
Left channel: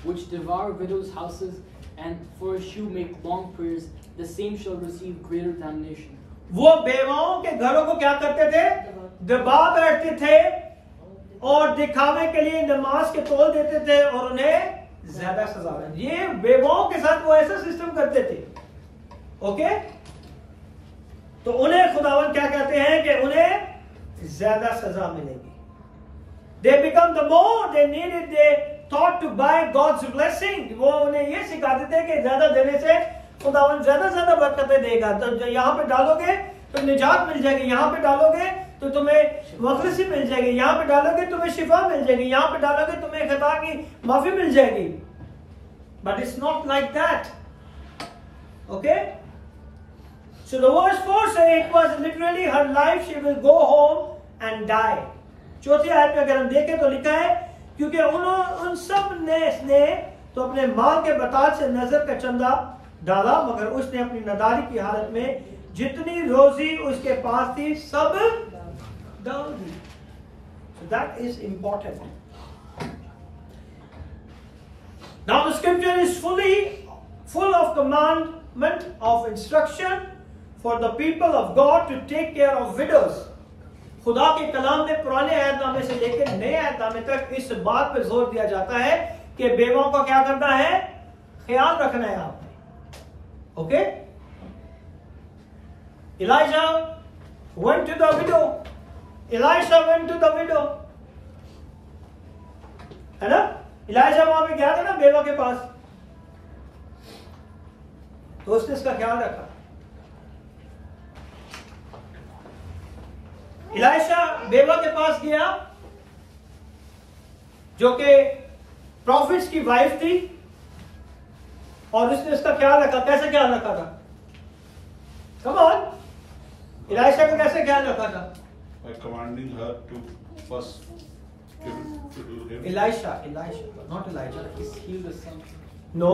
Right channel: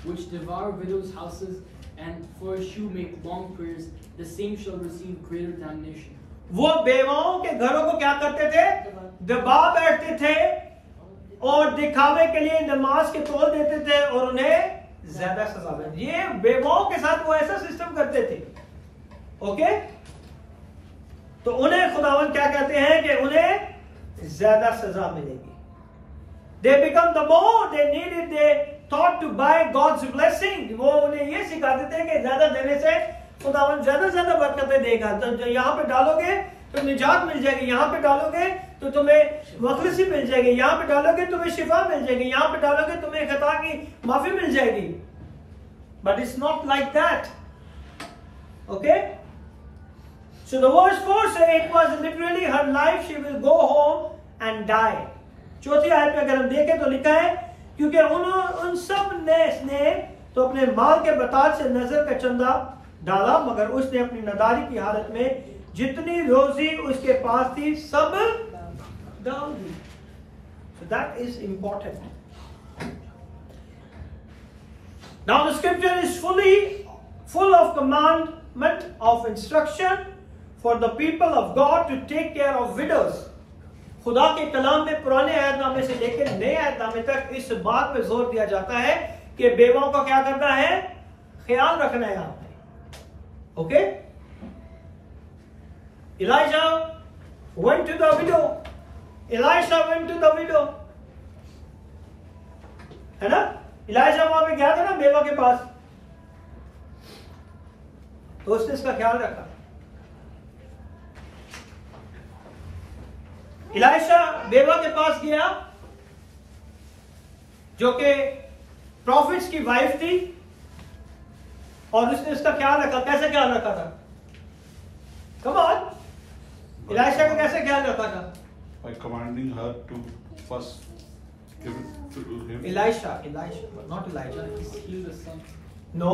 Which devour widows' houses and for a shoe make long prayers, the same shall receive greater damnation. वो बेवाओं के घरों को क्या करते थे, दबा बैठते थे और दिखावे के लिए नमाज के तोल देते थे और उन्हें ज्यादा सजा मिलती. ये बेवाओं के साथ वो ऐसा सिस्टम करते थे. ओके? तो उन्हें खुदावन क्या कहते हैं कि उन्हें ज्यादा सजा मिलेगी. They become the more they needed, they thought to buy God's blessing. वो उन्हें ये सिखाते थे कि ज्यादा देने से खुदावन ज्यादा ज्यादा बरकतें देगा। तो यहाँ पे डालोगे तो निजात मिल जाएगी, यहाँ पे डालोगे तो तुम्हें मखलसी मिल जाएगी, यहाँ पे डालोगे तुम्हें शिफा मिल जाएगी, यहाँ पे डालोगे तुम्हें खता की माफी मिल जाएगी। But it's not like that, okay. So the verse 4 say it was literally her life, she will go home and die. चौथी आयत में अगर हम देखें तो लिखा है क्योंकि उन सब ने तो अपने माल के बताज से नजर का चंदा डाला, मगर उसने अपनी नदारी की हालत में जितनी रोजी उसके पास थी सब डाल दी। So that is important. Now the scripture is full of commandment of instruction for the people of God to take care of widows. खुदा के कलाम में पुराने आयतनामे से लेकर नए आयतनामे तक इस बात पे जोर दिया जाता है कि बेवाओं का क्या करना है, ख्याल रखना है आपने, okay. Elijah went to the widow. Elisha went to the widow, है ना। इलाइजा वहां पे गया था ना बेवा के पास, तो उसने इसका ख्याल रखा। इलाइशा बेवा के पास गया जो कि प्रॉफिट्स की वाइफ थी, और उसने उसका ख्याल रखा। कैसे ख्याल रखा था? कम ऑन, इलाइशा को कैसे ख्याल रखा था? By commanding her to first give it to him. Elisha, not Elijah. Heal the son. No.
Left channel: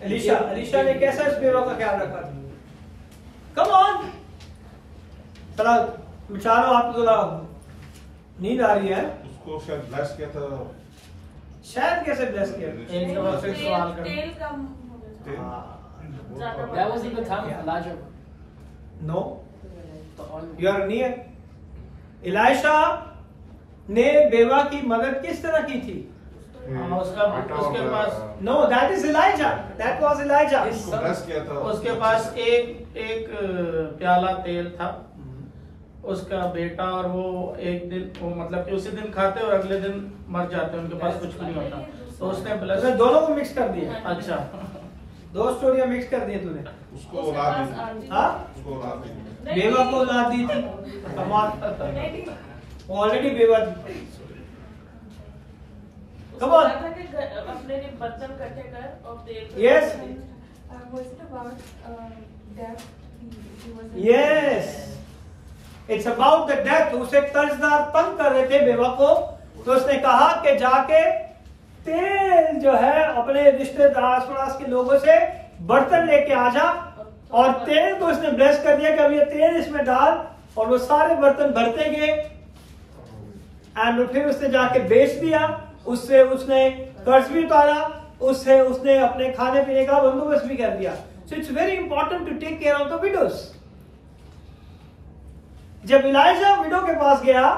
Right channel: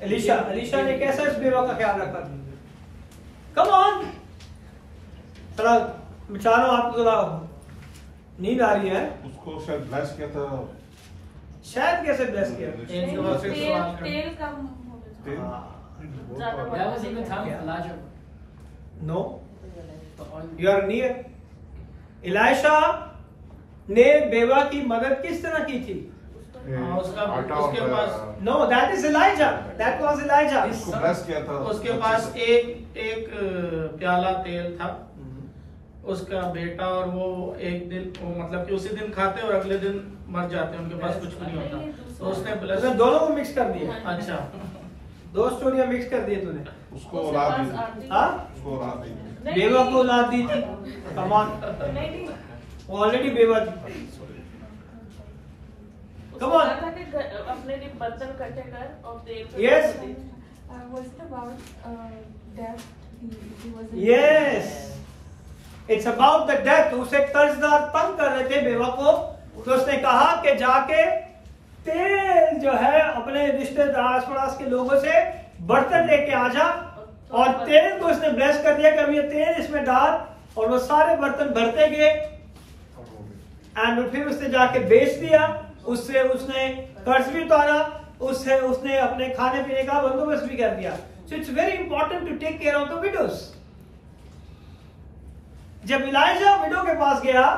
Elisha ने कैसा इस बेवा का ख्याल रखा? कम ऑन, थोड़ा चारों आपको थोड़ा नींद आ रही है। उसको शायद ब्लेस किया था, शायद कैसे ब्लेस किया? तेल का That was in the time of Elijah. No, you are near. इलाइशा ने बेवा की मदद किस तरह की थी? उसके पास No, that is Elijah. That was Elijah. उसको ब्लेस किया था। उसके पास एक प्याला तेल था, उसका बेटा, और वो एक दिन वो मतलब कि उसी दिन खाते और अगले दिन मर जाते, उनके पास कुछ भी नहीं होता। तो उसने तूने दोनों को मिक्स कर दिया। अच्छा, दो स्टोरियां मिक्स कर दी तूने। उसको औलाद दी, हाँ, उसको औलाद दी। बेवा को औलाद दी थी, कमाल, ऑलरेडी बेवा थी। Come on. अपने लिए बर्तन इकट्ठे कर और तेल। Yes. Yes. It's about the death. उसे कर्जदार तंग कर रहे थे बेवा को, तो उसने कहा कि जाके तेल जो है अपने रिश्तेदार आस पड़ोस के लोगों से बर्तन लेके आ जा, और तेल को उसने ब्लेस कर दिया कि अब ये तेल इसमें डाल, और वो सारे बर्तन भरते गए, एंड फिर उसने जाके बेच दिया, उससे उसने कर्ज भी उतारा, उससे उसने अपने खाने पीने का बंदोबस्त भी कर दिया। So it's very important to take care of the widows. जब इलाइजा विडो के पास गया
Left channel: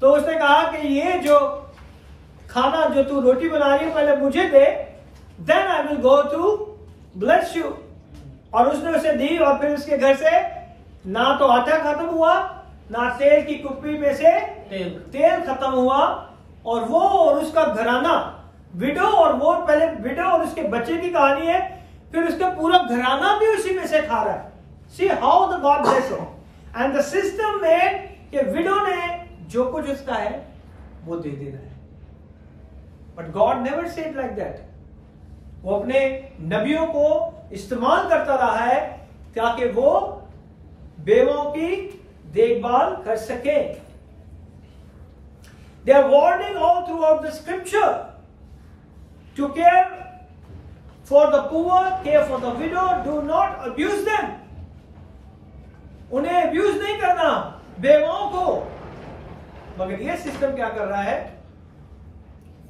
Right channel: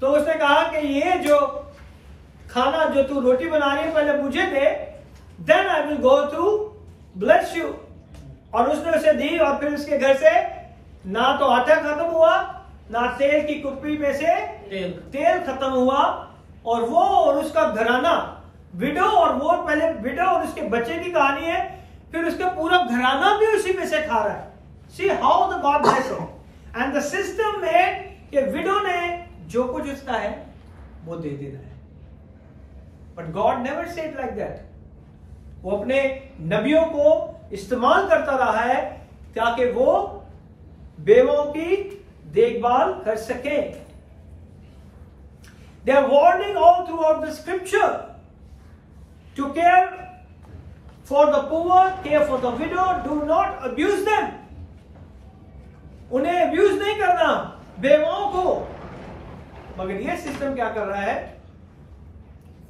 तो उसने कहा कि ये जो खाना जो तू रोटी बना रही है पहले मुझे दे, then I will go to bless you. और उसने उसे दी, और फिर उसके घर से ना तो आटा खत्म हुआ, ना तेल की कुप्पी में से तेल खत्म हुआ, और वो और उसका घराना, विडो और वो, पहले विडो और उसके बच्चे की कहानी है, फिर उसका पूरा घराना भी उसी में से खा रहा है। See how the God bless him. And the system में कि विडो ने जो कुछ उसका है वो दे देना है, but God never said like that. वो अपने नबियों को इस्तेमाल करता रहा है ताकि वो बेवों की देखभाल कर सके। They are warning all throughout the scripture to care for the poor, care for the widow, do not abuse them. उन्हें अब्यूज नहीं करना बेवाओं को, मगर ये सिस्टम क्या कर रहा है?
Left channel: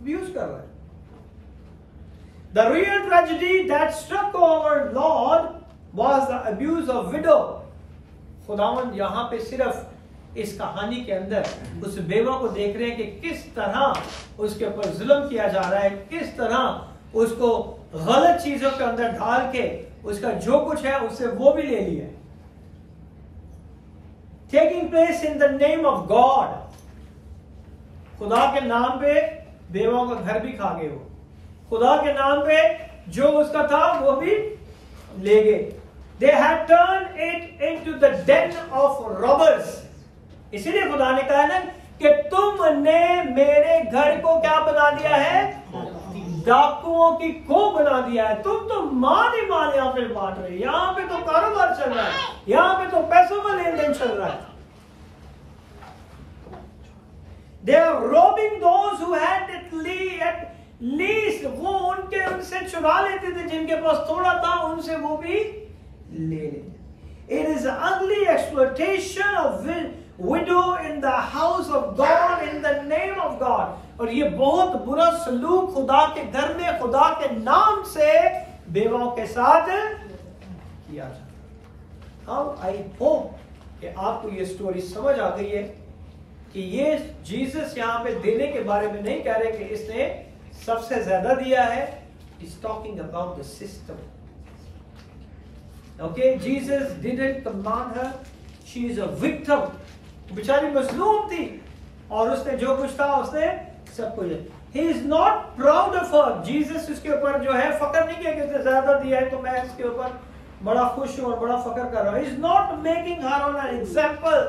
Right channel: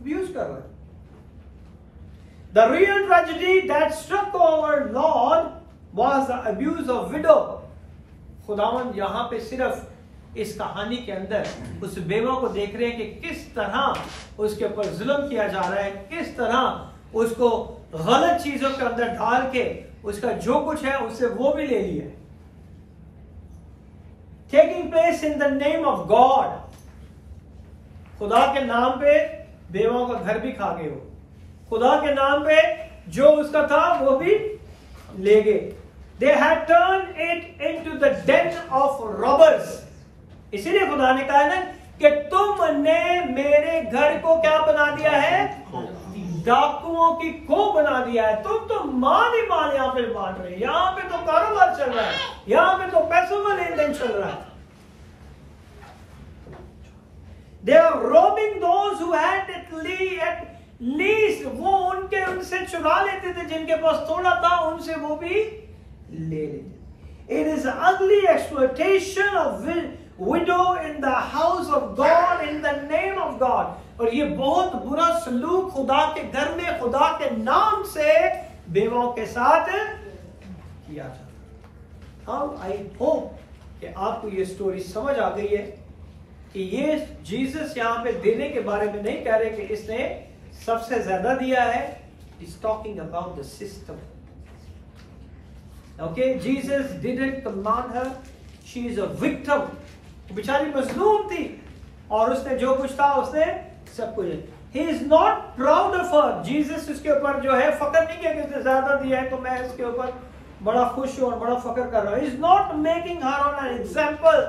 अब्यूज कर रहा है। The real tragedy that struck our Lord was the abuse of widow. खुदावन यहां पे सिर्फ इस कहानी के अंदर उस बेवा को देख रहे हैं कि किस तरह उसके ऊपर जुल्म किया जा रहा है, किस तरह उसको गलत चीजों के अंदर डाल के उसका जो कुछ है उससे वो भी ले लिया। Taking place in the name of God, खुदा के नाम पे बेवाओं का घर भी खा गए हो, खुदा के नाम पे जो उसका था वो भी ले गए। They had turned it into the den of robbers। इसीलिए खुदा ने कहा ना कि तुमने मेरे घर को क्या बना दिया है, डाकुओं की खो बना दिया है। तुम तो मान ही मान यहाँ पे बांट रहे, यहाँ पे तो कारोबार चल रहा है, यहाँ पे तो पैसों का लेन देन चल रहा है। They are robbing those who had at least, वो उनसे चुरा लेते थे, जिनके पास थोड़ा था उनसे वो भी ले लेते। It is ugly exploitation of widow in the house of God in the name of God। और ये बहुत बुरा सलूक खुदा के घर में खुदा के नाम से बेवाओं के साथ किया जाता। How I hope कि आपको ये स्टोरी समझ आ गई है कि ये जीसस यहाँ पे देने के बारे में नहीं कह रहे कि इसने सबसे ज्यादा दिया है। He's talking about the system। Okay, Jesus didn't command her, she is a victim। बेचारी मजलूम थी और उसने जो कुछ था उसने सब कुछ। He is not proud of her। Jesus उसके ऊपर जो है फकर नहीं किया कि उसने ज्यादा दिया है तो मैं इसके ऊपर बड़ा खुश हूं और बड़ा फकर कर रहा हूं। He is not making her on an example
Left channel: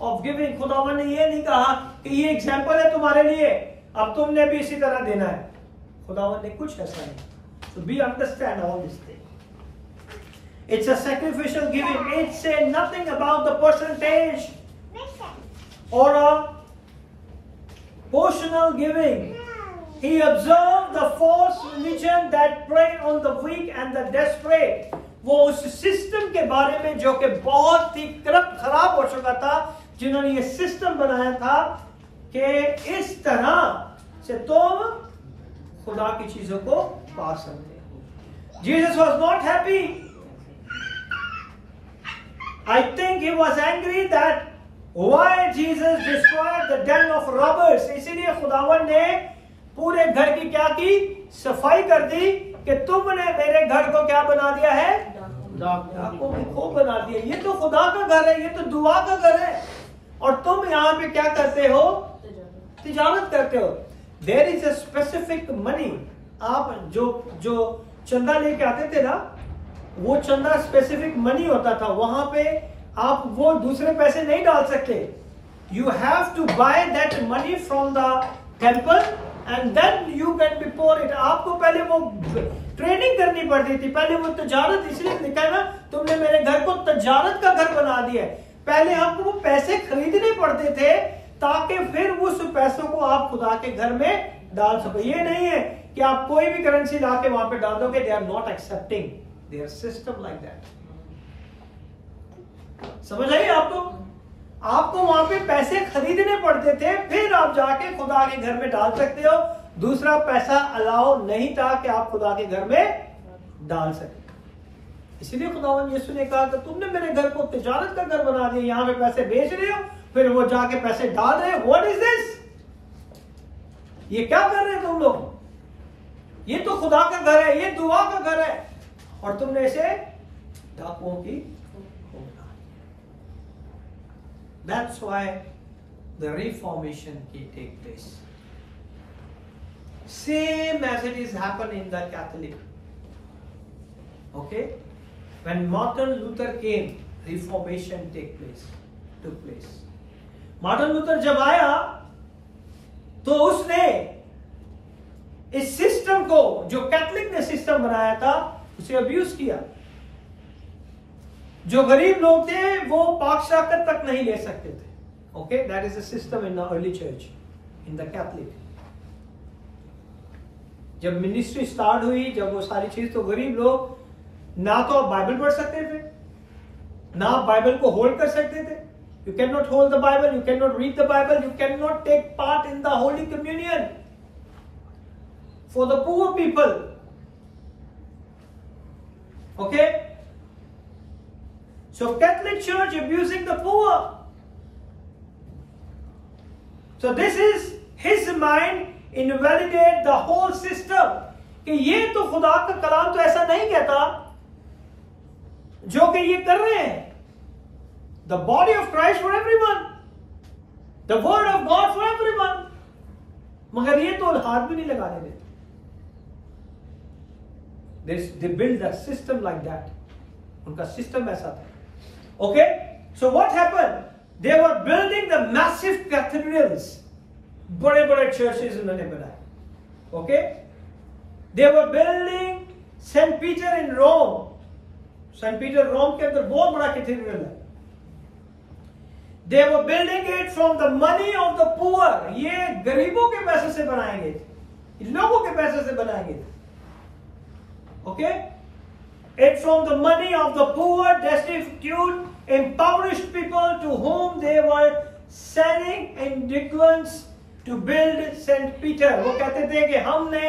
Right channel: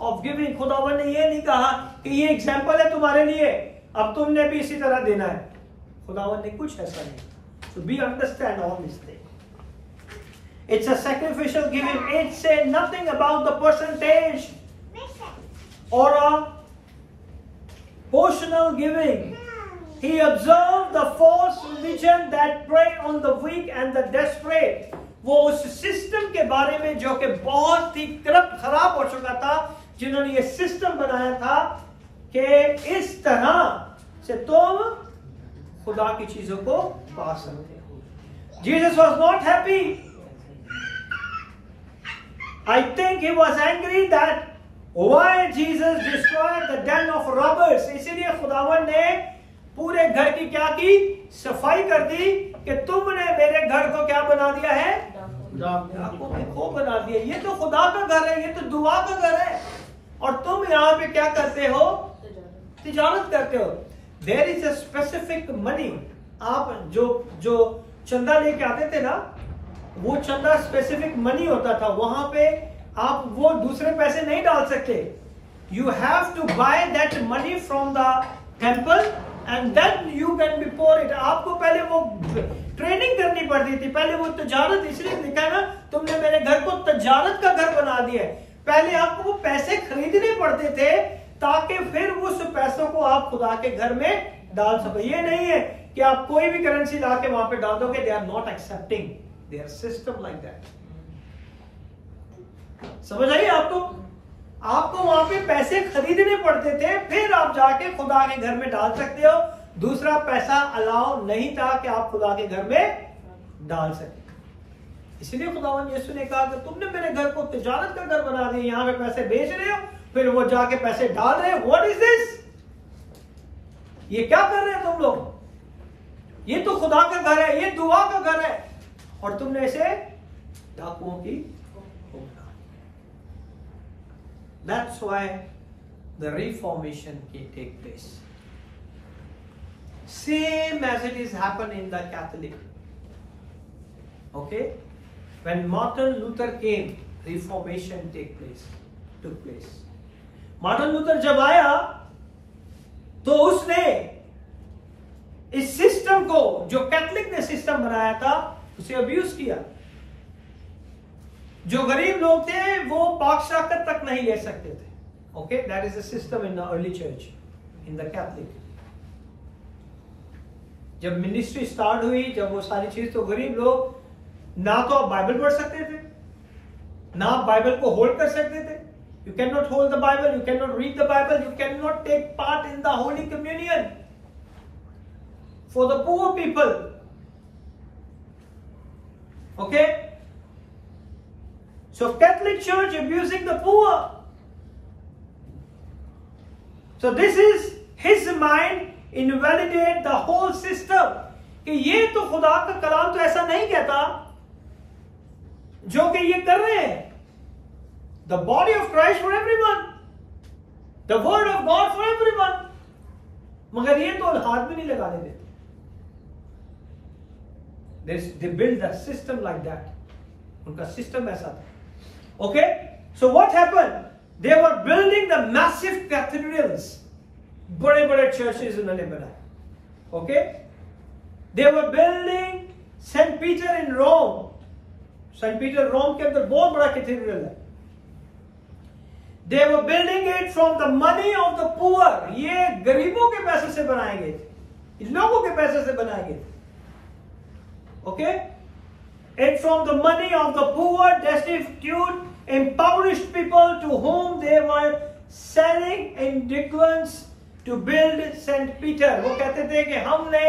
of giving। खुदावन ने ये नहीं कहा कि ये एग्जाम्पल है तुम्हारे लिए, अब तुमने भी इसी तरह देना है। खुदावन ने कुछ ऐसा नहीं। So we understand all this thing। It's a sacrificial giving। It says nothing about the percentage or a portional giving। He observed the false religion that prey on the weak and the desperate। वो उस system के बारे में जो कि बहुत ही corrupt खराब हो चुका था, जिन्होंने ये सिस्टम बनाया था कि इस तरह से तुम खुदा की चीजों को पा सकते हो। Jesus was not happy। I think he was angry that why Jesus destroyed the den of robbers। इसीलिए खुदावन ने पूरे घर की क्या की, सफाई कर दी कि तुमने मेरे घर को क्या बना दिया है, डाकुओं की खो बना दिया। ये तो खुदा का घर है, ये तो दुआ का घर है, और तुम यहाँ पे क्या करते हो, तिजारत करते हो। There is a specific money. आप जो चंदा लेके आते थे ना, वो चंदा स्पेसिफिक मनी होता था। वहां पे आप वो दूसरे पैसे नहीं डाल सकते। You have to buy that money from the temple and then you can be pour it. आपको पहले वो ट्रेनिंग करनी पड़ती थी, पहले वो तजारत। इसलिए लिखा है ना, तुमने मेरे घर को तजारत का घर बना दिया है। पहले आपको वो पैसे खरीदने पड़ते थे ताकि फिर उस पैसों को आप खुदा के घर में डाल सको। ये नहीं है कि आप कोई भी करेंसी ला के वहां पे डाल दोगे। They are not accepting their system like that. समझ आइए आपको वहां पे पैसे खरीदने पड़ते थे, फिर आप जाके खुदा के घर में डाल सकते हो। दूसरा पैसा अलाउ नहीं था कि आप खुदा के घर में डाल सकते। इसलिए खुदावन यीशु ने कहा कि तुमने मेरे घर को तिजारत का घर बना दिया, यहाँ पे पैसे बेच रहे हो, फिर वो जाके पैसे डाल रहे हो। What is this? ये क्या कर रहे हो तुम लोग? ये तो खुदा का घर है, ये दुआ का घर है, और तुमने इसे डाकुओं की That's why the Reformation can take place. Same as it is happened in the Catholic. Okay? When Martin Luther came, Reformation took place. Martin Luther जब आया तो उसने इस सिस्टम को, जो कैथलिक ने सिस्टम बनाया था, उसे अब्यूज किया। जो गरीब लोग थे वो पाक शाकत तक नहीं ले सकते थे। Okay, that is the system in the early church, in the Catholic. जब मिनिस्ट्री स्टार्ट हुई, जब वो सारी चीज, तो गरीब लोग ना तो आप बाइबल पढ़ सकते थे, ना आप बाइबल को होल्ड कर सकते थे। You can not hold the Bible, you can not read the Bible, you can not take part in the holy communion for the poor people. Okay, so Catholic Church abusing the poor. So this is his mind invalidate the whole system कि ये तो खुदा का कलाम तो ऐसा नहीं कहता जो कि ये कर रहे हैं। The body of Christ for everyone, the word of God for everyone, मगर ये तो हाथ भी नहीं लगाने देते। They built a system like that. उनका सिस्टम ऐसा था. Okay, so what happened? They were building the massive cathedrals. बड़े-बड़े churches उन्होंने बनाए. Okay, they were building Saint Peter in Rome. Saint Peter Rome के अंदर बहुत बड़ा कैथेड्रल है. They were building it from the money of the poor. ये गरीबों के पैसे से बनाए गए थे, लोगों के पैसे से बनाए गए थे. Okay, it from the money of the poor, destitute, impoverished people to whom they were selling individuals to build Saint Peter. वो कहते थे कि हमने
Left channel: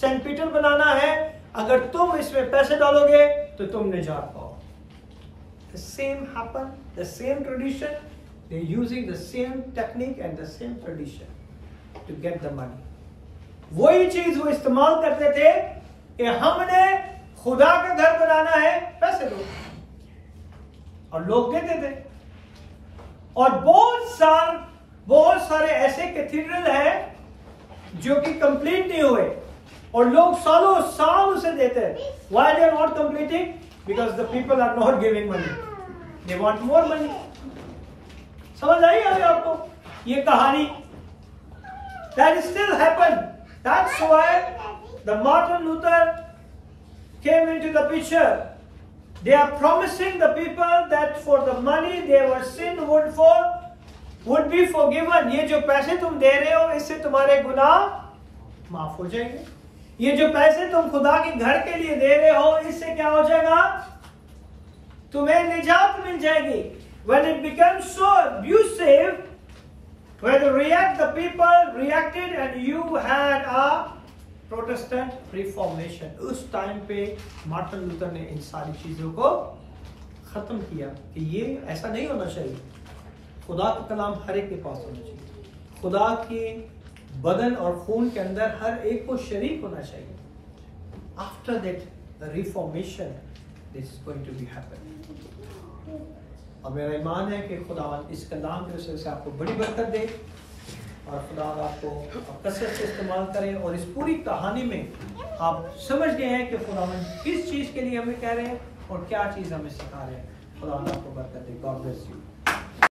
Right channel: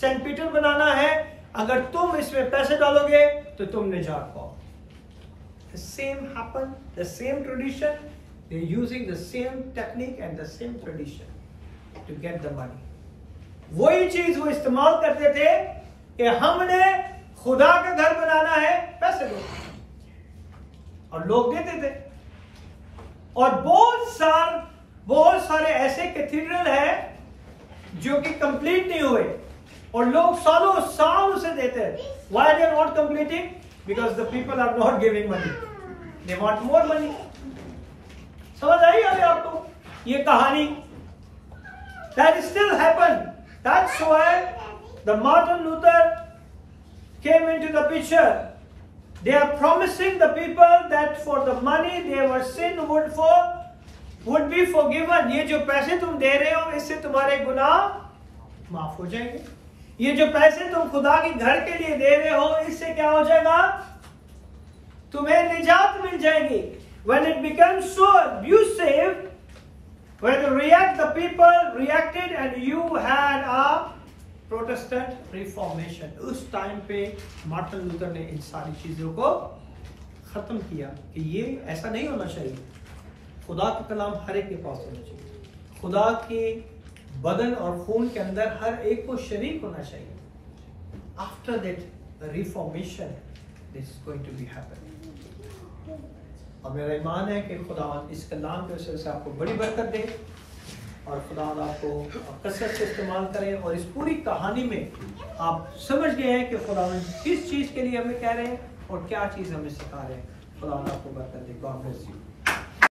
सेंट पीटर बनाना है, अगर तुम इसमें पैसे डालोगे तो तुम निजात पाओ. The same happened, the same tradition. They're using the same technique and the same tradition to get the money. वही चीज वो इस्तेमाल करते थे कि हमने खुदा का घर बनाना है, पैसे दो, और लोग देते थे. और बहुत सारे ऐसे कैथेड्रल है जो कि कंप्लीट नहीं हुए और लोग सालों साल उसे देते हैं. Why they are not completing? Because the people are not giving money. They want more money. समझ आई अभी आपको ये कहानी? That still happened. That's why the Martin Luther came into the picture. They are promising the people that for the money their sin would be forgiven. ये जो पैसे तुम दे रहे हो इससे तुम्हारे गुनाह माफ हो जाएंगे. ये जो पैसे तुम खुदा के घर के लिए दे रहे हो इससे क्या हो जाएगा? तुम्हें निजात मिल जाएगी. When it becomes so abusive, when the people reacted and you had a Protestant Reformation. उस टाइम पे मार्टिन लूथर ने इन सारी चीजों को खत्म किया कि ये ऐसा नहीं होना चाहिए. खुदा का कलाम हर एक के पास होना चाहिए. खुदा के बदन और खून के अंदर हर एक को शरीक होना चाहिए. After that, the Reformation is going to be happen. और मेरा ईमान है कि खुदावंद इस कलाम के वजह से आपको बड़ी बरकत दे और खुदावंद आपको कसरत से इस्तेमाल करे और इस पूरी कहानी में आप समझ गए हैं कि खुदावंद किस चीज के लिए हमें कह रहे हैं और क्या चीज हमें सिखा रहे हैं. खुदावंद आपको बरकत दे. God bless you.